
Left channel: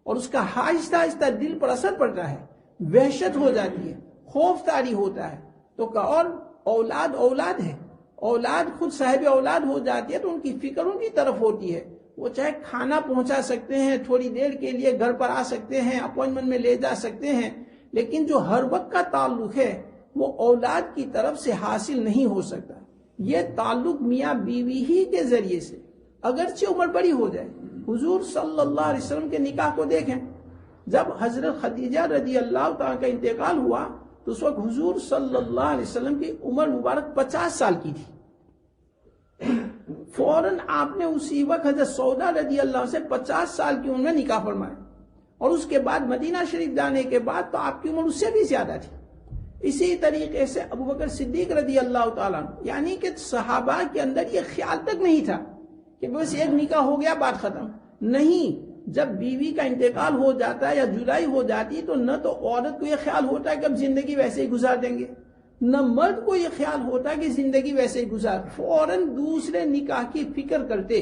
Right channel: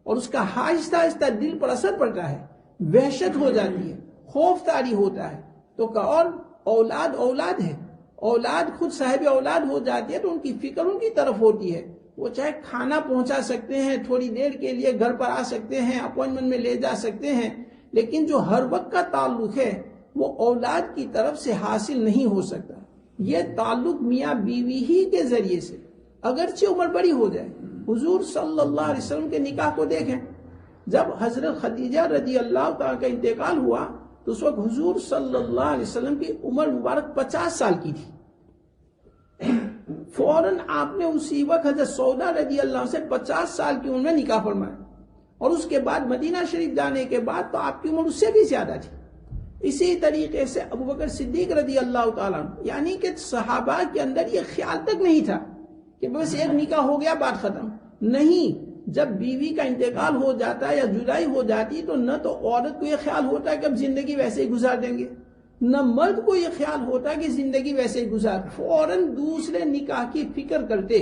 اور اس کا آہستہ آہستہ دل پر اثر پڑتا ہے، وحشت ہو جاتی ہے، خوف طاری ہوتا ہے. تو اور اولاد ہے، اولاد خود صاحب اولاد ہو جاتی ہے تو ان کی فکر ان کی طرف ہوتی ہے. وہ چاہے کھانا پہنچا سکتے ہیں، تھوڑی دیر کے لیے گھر پر آ سکتے ہیں، اپوائنٹمنٹ میں لے جا سکتے ہیں، لیکن جو ہر وقت کا تعلق ہے وہ اولاد کی طرف سے حاصل نہیں ہو سکتا. یہ تعلق میاں بیوی ہی کے ذریعے سے، اگرچہ عمر بڑی ہو جائے. حضور صلی اللہ علیہ وسلم کے نکاح کو دیکھیں، جب حضرت خدیجہ رضی اللہ تعالیٰ کا انتقال ہوا تو اس وقت حضور صلی اللہ علیہ وسلم کی عمر مبارک 50 سال کی تھی. فوراً آپ نے اسی وقت حضرت سودا رضی اللہ عنہ سے 50 سال کی عمر میں نکاح فرمایا، اور اس کے بعد مدینہ شریف جانے کے بعد تو آپ کی عمر اس سے بھی زیادہ تھی۔ اسی طریقے سے ابو بکر صدیق رضی اللہ تعالیٰ عنہ، یعنی کہ صحابہ کے اندر یہ خیال تک نہیں تھا کہ بس ایک نکاح ہو گیا بات ختم، نہیں، جب بیوی کا انتقال ہو جاتا ہے یا جدائی ہو جاتی تو نہ تو عورت کو یہ خیال ہوتا ہے کہ اب زندگی ویسے ہی گزار دیں گے، نہ مرد کو یہ خیال ہوتا ہے کہ زندگی ویسے ہی گزار، فوراً دوسرے نکاح کی فکر کرتے۔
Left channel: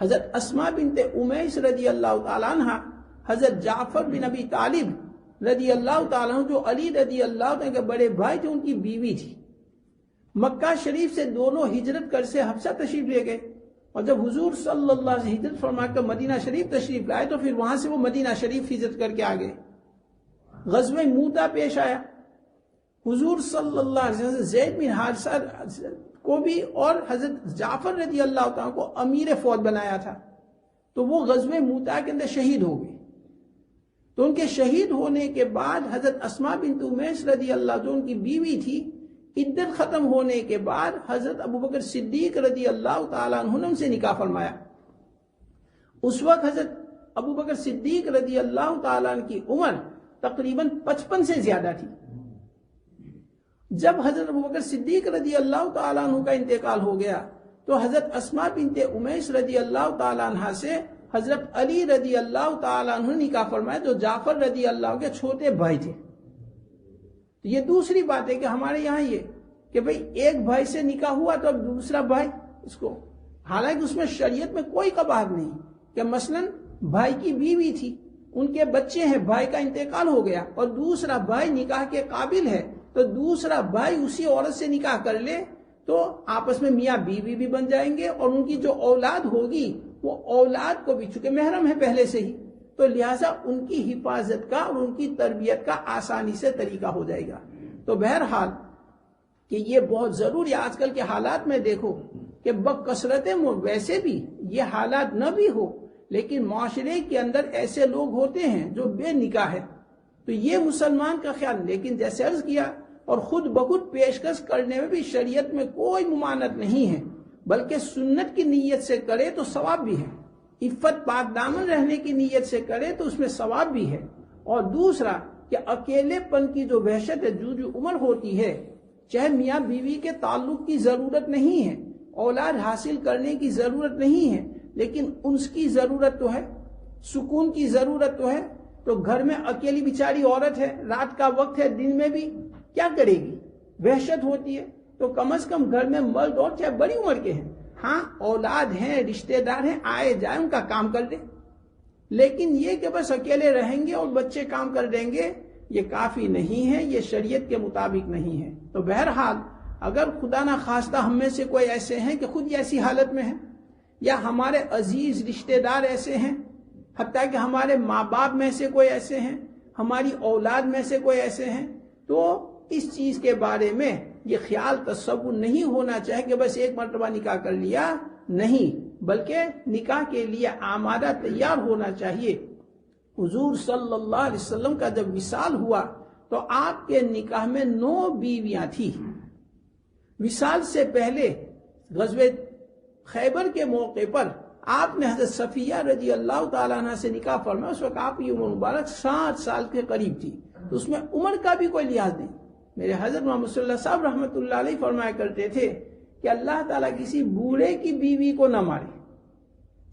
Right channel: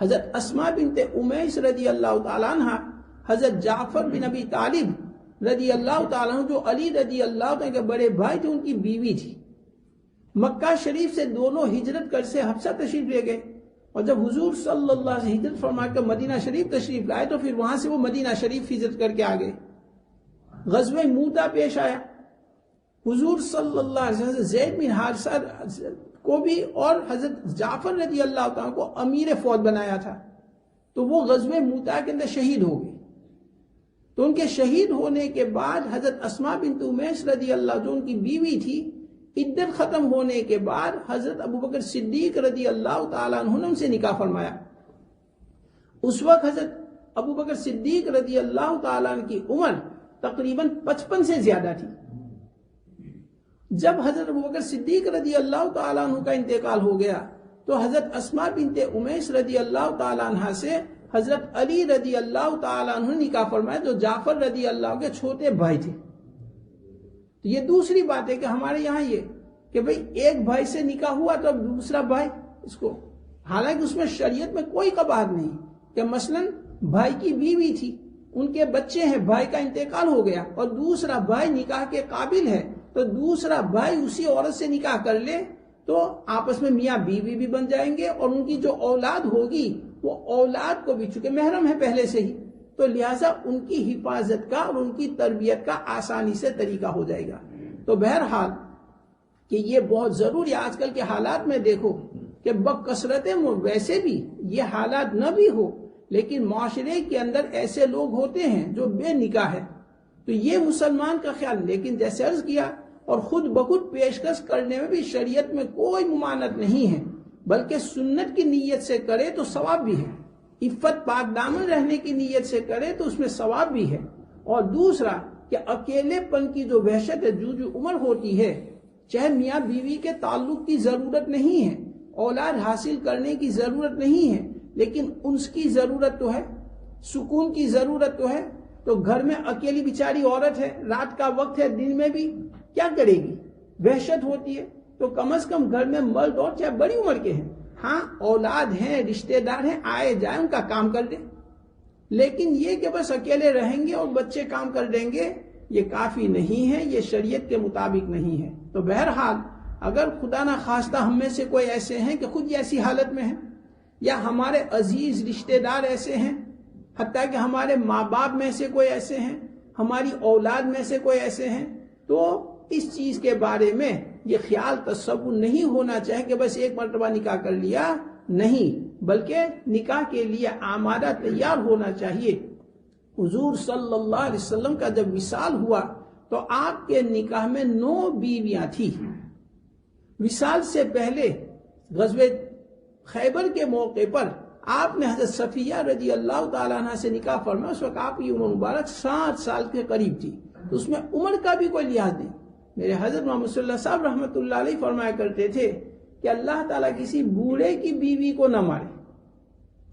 حضرت اسماء بنت امیس رضی اللہ تعالیٰ عنہ، حضرت جعفر بن ابی طالب رضی اللہ تعالیٰ عنہ جو علی رضی اللہ تعالیٰ کے بڑے بھائی تھے، ان کی بیوی تھی۔ مکہ شریف سے دونوں ہجرت کر سے حبشہ تشریف لے گئے، اور جب حضور صلی اللہ علیہ وسلم ہجرت فرما کر مدینہ شریف تشریف لائے تو پھر وہاں سے وہ مدینہ شریف ہجرت کر کے آ گئے۔ غزوہ موتا پیش آیا، حضور صلی اللہ علیہ وسلم زید بن حارثہ کو بھی اور حضرت جعفر رضی اللہ تعالیٰ کو امیر فوج بنایا تھا، تو وہ غزوہ موتا کے اندر شہید ہو گئے۔ تو ان کے شہید ہونے کے بعد حضرت اسماء بنت امیس رضی اللہ جو ان کی بیوی تھی، عدت ختم ہونے کے بعد حضرت ابو بکر صدیق رضی اللہ تعالیٰ عنہ نے ان سے نکاح فرمایا۔ اس وقت حضرت ابو بکر صدیق رضی اللہ تعالیٰ عنہ کی عمر تقریباً 55 سے زیادہ تھی۔ جب حضرت ابو بکر صدیق رضی اللہ تعالیٰ عنہ کا انتقال ہو گیا تو حضرت اسماء بنت امیس رضی اللہ تعالیٰ عنہ سے حضرت علی رضی اللہ تعالیٰ عنہ نے نکاح فرمایا، جو جعفر رضی اللہ عنہ کے چھوٹے بھائی تھے۔ یہ دوسری بات ہے کہ ہمارے یہاں یہ کہ بھئی ایک بھائی سے نکاح ہوا تو اب دوسرا بھائی اس کو، حالانکہ اس میں شریعت میں کوئی قباحت نہیں کہ مثلا بھائی کی بیوی تھی، ان کے بچے ہیں، بھائی کا انتقال ہو گیا اور دوسرا بھائی نکاح کے قابل ہے تو دوسرا بھائی اسی عورت سے نکاح کر لے تو آپس میں میاں بیوی بھی بن جائیں گے، اور ان کی جو اولاد ہوگی وہ اولاد کو بھی، چونکہ محرم ہے پہلے سے ہی، تو لہٰذا ان کی حفاظت کا اور ان کی تربیت کا آسانی سے طریقہ ہو جائے گا۔ تو بہرحال کہ یہ بہت ضروری، آج کل کے حالات میں دیکھو کہ بکثرت ویسے بھی یہ حالات نہ بھی ہو، لیکن معاشرے کے اندر ایسے لوگ ہوتے ہیں جو بے نکاح ہے، تو یہ مسلمان کا خیال، لیکن جیسے عرض کیا، اور خود بخود پیشکش کرنے میں بھی شریعت میں کوئی ممانعت نہیں ہے، بلکہ سنت کی نیت سے کرے تو ثواب بھی ہے، عفت پاک دامن رہنے کی نیت سے کرے تو اس میں ثواب بھی ہے۔ اور دوسرا کہ اکیلے پن کی جو وحشت ہے، جو عمر ہوتی ہے، چاہے میاں بیوی کے تعلق کی ضرورت نہیں ہے، اولاد حاصل کرنے کی ضرورت نہیں ہے، لیکن اس کی ضرورت تو ہے، سکون کی ضرورت تو ہے، تو گھر میں اکیلی بیچاری عورت ہے، رات کا وقت ہے، دن میں بھی کیا کرے گی، وحشت ہوتی ہے، تو کم از کم گھر میں مرد اور چاہے بڑی عمر کے ہیں، ہاں اولاد ہیں، رشتہ دار ہیں، آئے جائیں، ان کا کام کر دیں، لیکن یہ کہ بس اکیلے رہیں گے اور بچے کام کر دیں گے، یہ کافی نہیں ہے، یہ شریعت کے مطابق نہیں ہے۔ تو بہرحال اگر خدا نہ خواستہ ہم میں سے کوئی ایسے ہیں کہ خود ایسی حالت میں ہیں، یا ہمارے عزیز رشتہ دار ایسے ہیں، حتیٰ کہ ہمارے ماں باپ میں سے کوئی ایسے ہیں، ہماری اولاد میں سے کوئی ایسے ہیں، تو اس چیز کے بارے میں یہ خیال تصور نہیں ہونا چاہیے کہ بس ایک مرتبہ نکاح کر لیا، نہیں، بلکہ نکاح کے لیے آمادہ تیار ہونا چاہیے۔ حضور صلی اللہ علیہ وسلم کا جب وصال ہوا تو آپ کے نکاح میں 9 بیویاں تھیں۔ وصال سے پہلے غزوہ خیبر کے موقع پر آپ نے حضرت صفیہ رضی اللہ تعالیٰ عنہ سے نکاح فرمایا، اس وقت آپ کی عمر مبارک 60 سال کے قریب تھی، تو اس میں عمر کا بھی کوئی لحاظ نہیں۔ میرے حضرت محمد صلی اللہ علیہ وسلم رحمۃ اللہ علیہ فرمایا کرتے تھے کہ اللہ تعالیٰ کسی بوڑھے کی بیوی کو نہ مارے،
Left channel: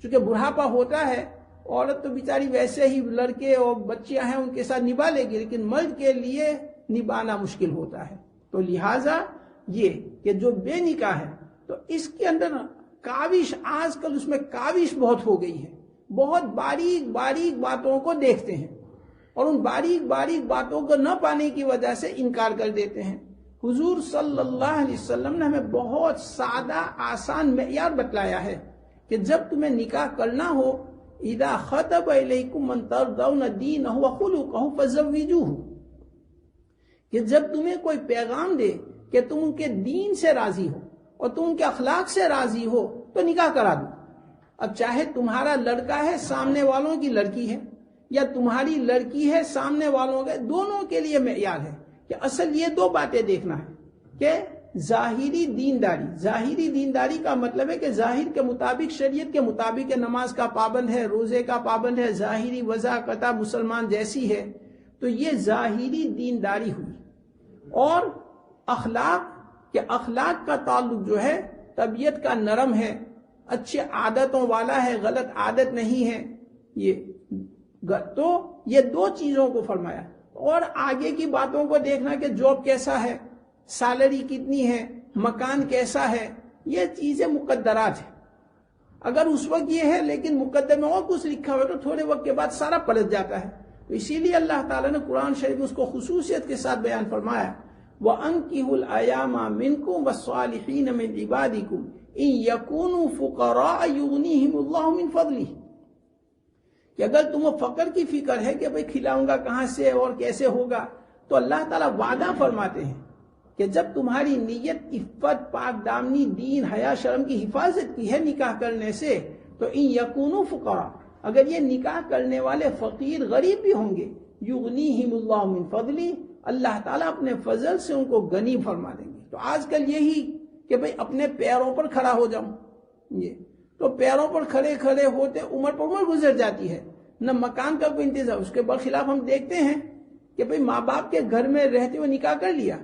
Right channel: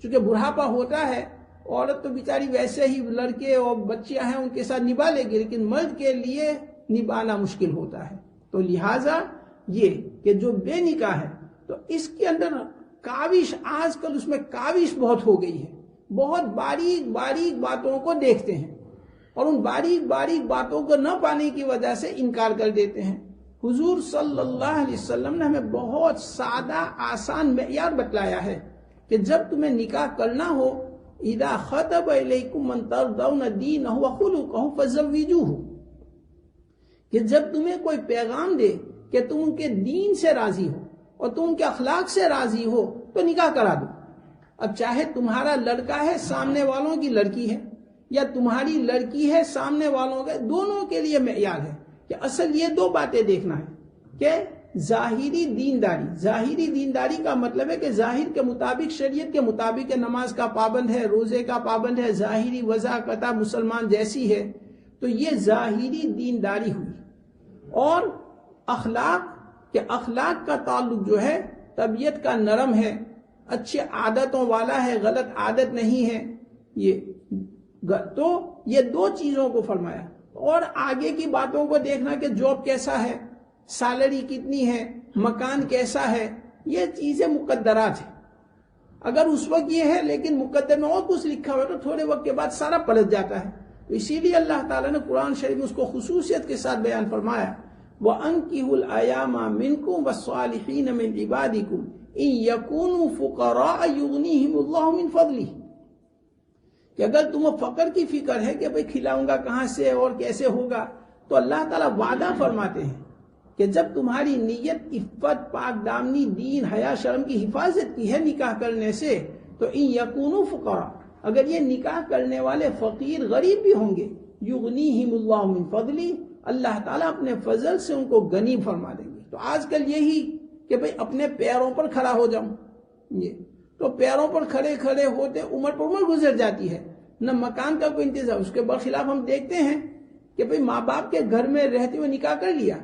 چونکہ بڑھاپا ہوتا ہے، عورت تو بیچاری ویسے ہی لڑکے اور بچیاں ہیں ان کے ساتھ نبھا لے گی، لیکن مرد کے لیے نبھانا مشکل ہوتا ہے۔ تو لہٰذا یہ کہ جو بے نکاح ہے تو اس کے اندر کاوش، آج کل اس میں کاوش بہت ہو گئی ہے، بہت باریک باریک باتوں کو دیکھتے ہیں اور ان باریک باریک باتوں کو نہ پانے کی وجہ سے انکار کر دیتے ہیں۔ حضور صلی اللہ علیہ وسلم نے ہمیں بہت سادہ آسان معیار بتلایا ہے کہ جب تمہیں نکاح کرنا ہو، اذا خطب الیکم من ترضون دینہ وخلقہ فزوجوہ، کہ جب تمہیں کوئی پیغام دے کہ تم ان کے دین سے راضی ہو اور تم ان کے اخلاق سے راضی ہو تو نکاح کرا دو۔ اب چاہے تمہارا لڑکا ہے، سامنے والوں کی لڑکی ہے، یا تمہاری لڑکی ہے، سامنے والوں کے، دونوں کے لیے معیار ہے کہ اصل یہ 2 باتیں دیکھنا ہے کہ ظاہری دینداری. ظاہری دینداری کا مطلب ہے کہ ظاہر کے مطابق، شریعت کے مطابق نماز کا پابند ہے، روزے کا پابند ہے، ظاہری وضاحت مسلمان جیسی ہے، تو یہ ظاہری دینداری ہوئی. اور اخلاق کا تعلق جو ہے طبیعت کا نرم ہے، اچھے عادتوں والا ہے، غلط عادت نہیں ہے. تو یہ دو چیزوں کو فرمایا. اور آگے کی باتوں کو دیکھنا کہ جاب کیسا ہے، سیلری کتنی ہے، مکان کیسا ہے، یہ چیزیں مقدرات ہیں. اگر اس وقت یہ ہے لیکن مقدر میں اور کچھ لکھا ہوا تو تھوڑے وقت کے بعد سارا پلٹ جاتا ہے. تو اسی لیے اللہ تعالیٰ نے قرآن شریف میں اس کو خصوصیت کے ساتھ بیان فرمایا، وَأَنْكِحُوا الْأَيَامَ مِنْكُمْ وَالصَّالِحِينَ مِنْ عِبَادِكُمْ إِنْ يَكُونُوا فُقَرَاءَ يُغْنِيهِمُ اللَّهُ مِنْ فَضْلِهِ. کہ اگر تمہیں فقر کی فکر ہے کہ بھئی کھلاؤں گا کہاں سے اور کیسے ہوگا، تو اللہ تعالیٰ وعدہ فرماتے ہیں کہ جب تمہاری نیت عفت، پاک دامنی، دین، حیا، شرم کی حفاظت کی ہے نکاح کرنے سے، تو ان یکونوا فقراء، اگر یہ نکاح کرنے والے فقیر غریب بھی ہوں گے، یغنیہم اللہ من فضلی، اللہ تعالیٰ اپنے فضل سے ان کو غنی فرما دیں گے. تو آج کل یہی کہ بھئی اپنے پیروں پر کھڑا ہو جاؤں، یہ تو پیروں پر کھڑے ہوتے عمر پر عمر گزر جاتی ہے، نہ مکان کا کوئی انتظام. اس کے برخلاف ہم دیکھتے ہیں کہ بھئی ماں باپ کے گھر میں رہتے ہوئے نکاح کر لیا،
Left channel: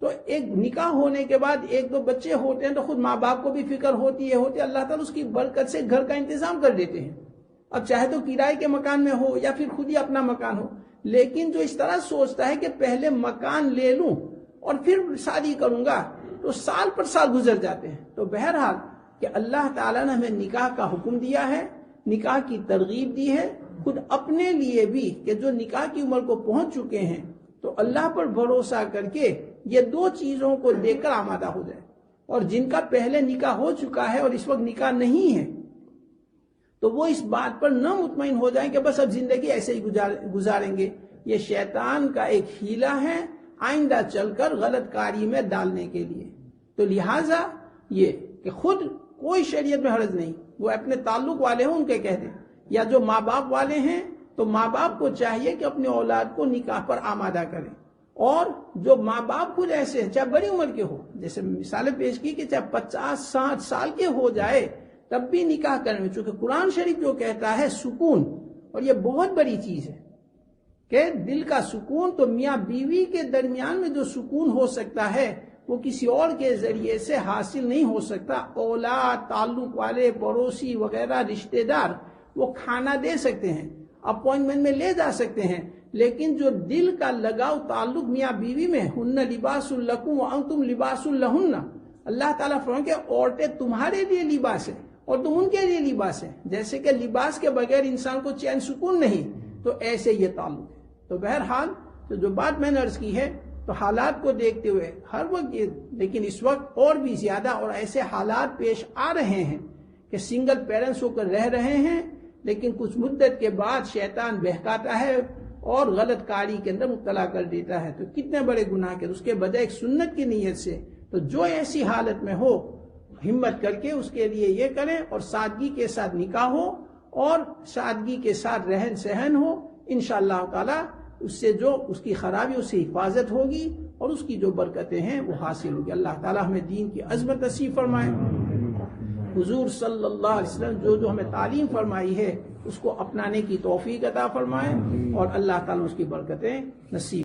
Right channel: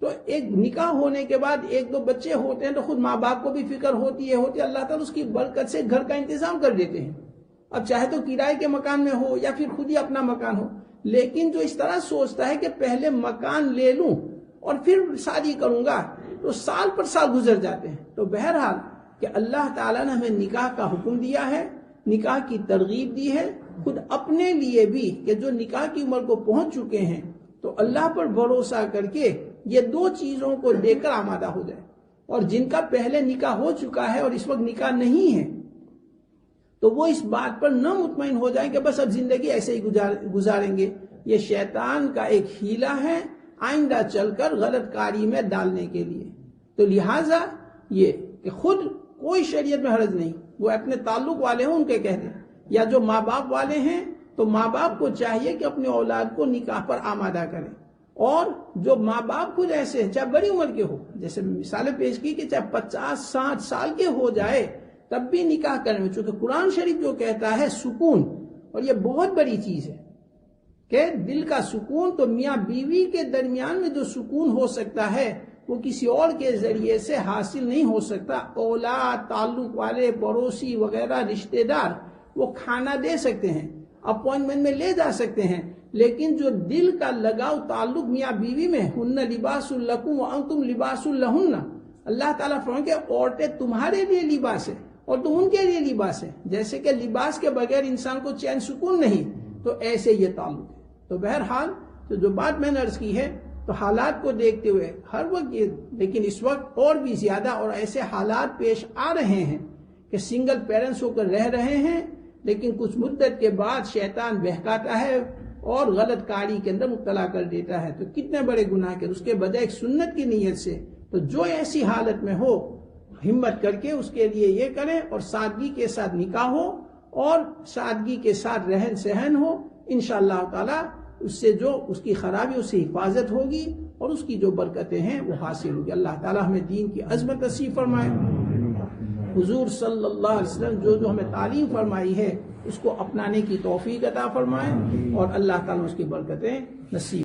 تو ایک نکاح ہونے کے بعد ایک دو بچے ہوتے ہیں تو خود ماں باپ کو بھی فکر ہوتی ہے، اللہ تعالیٰ اس کی برکت سے گھر کا انتظام کر دیتے ہیں. اب چاہے تو کرائے کے مکان میں ہو یا پھر خود ہی اپنا مکان ہو، لیکن جو اس طرح سوچتا ہے کہ پہلے مکان لے لوں اور پھر شادی کروں گا، تو سال پر سال گزر جاتے ہیں. تو بہرحال کہ اللہ تعالیٰ نے ہمیں نکاح کا حکم دیا ہے، نکاح کی ترغیب دی ہے، خود اپنے لیے بھی کہ جو نکاح کی عمر کو پہنچ چکے ہیں تو اللہ پر بھروسہ کر کے یہ دو چیزوں کو لے کر آمادہ ہو جائے. اور جن کا پہلے نکاح ہو چکا ہے اور اس وقت نکاح نہیں ہے، تو وہ اس بات پر نہ مطمئن ہو جائیں کہ بس اب زندگی ایسے ہی گزاریں گے. یہ شیطان کا ایک ہیلا ہے آئندہ چل کر غلط کاری میں ڈالنے کے لیے. تو لہٰذا یہ کہ خود کوئی شریعت میں حرج نہیں، وہ اپنے تعلق والے ہوں ان کے کہہ دیں، یا جو ماں باپ والے ہیں تو ماں باپ کو چاہیے کہ اپنے اولاد کو نکاح پر آمادہ کریں. اور جو ماں باپ خود ایسے ہیں چاہے بڑی عمر کے ہو، جیسے مثالیں پیش کی کہ چاہے 50-60 سال کے ہو جائے تب بھی نکاح کرنے، چونکہ قرآن شریف جو کہتا ہے سکون، اور یہ بہت بڑی چیز ہے کہ دل کا سکون، تو میاں بیوی کے درمیان میں جو سکون ہو سکتا ہے وہ کسی اور کے ذریعے سے حاصل نہیں ہو سکتا. اولاد، تعلق والے، پڑوسی وغیرہ، رشتہ دار وہ کھانا دے سکتے ہیں، اپوائنٹمنٹ میں لے جا سکتے ہیں، لیکن جو دل کا لگاؤ تعلق میاں بیوی میں، ہن لباس لکم وانتم لباس لہن، اللہ تعالیٰ فرماتے ہیں کہ عورتیں تمہارے لیے لباس ہیں اور تم ان کے لیے لباس ہیں. جیسے کہ لباس کے بغیر انسان کو چین سکون نہیں، تو ایسے یہ تعلق ہے. تو بہرحال تو جو بات میں نے عرض کی ہے، تو حالات کو دیکھتے ہوئے ہر وقت یہ، لیکن اس وقت اور بھی زیادہ اور ایسے حالات پیش آ رہے ہیں کہ سنگل پیرنٹس ہو کر رہ رہے ہیں، لیکن کچھ مدت کے بعد شیطان بہکاتا ہے اور غلط کاری کے اندر مبتلا کر دیتا ہے. تو کتنے بڑے گناہ کے اس کے بجائے ایک سنت کی نیت سے، تو جو ایسی حالت میں ہو ہمت کر کے اس کے لیے یہ کریں، اور سادگی کے ساتھ نکاح ہو اور سادگی کے ساتھ رہن سہن ہو. انشاءاللہ تعالی اس سے جو اس کی خرابی اس سے حفاظت ہوگی اور اس کی جو برکتیں ہیں وہ حاصل ہوگی. اللہ تعالی ہمیں دین کی عظمت نصیب فرمائے. حضور صلی اللہ علیہ وسلم جو ہمیں تعلیم فرمائی ہے اس کو اپنانے کی توفیق عطا فرمائے، اور اللہ تعالی اس کی برکتیں نصیب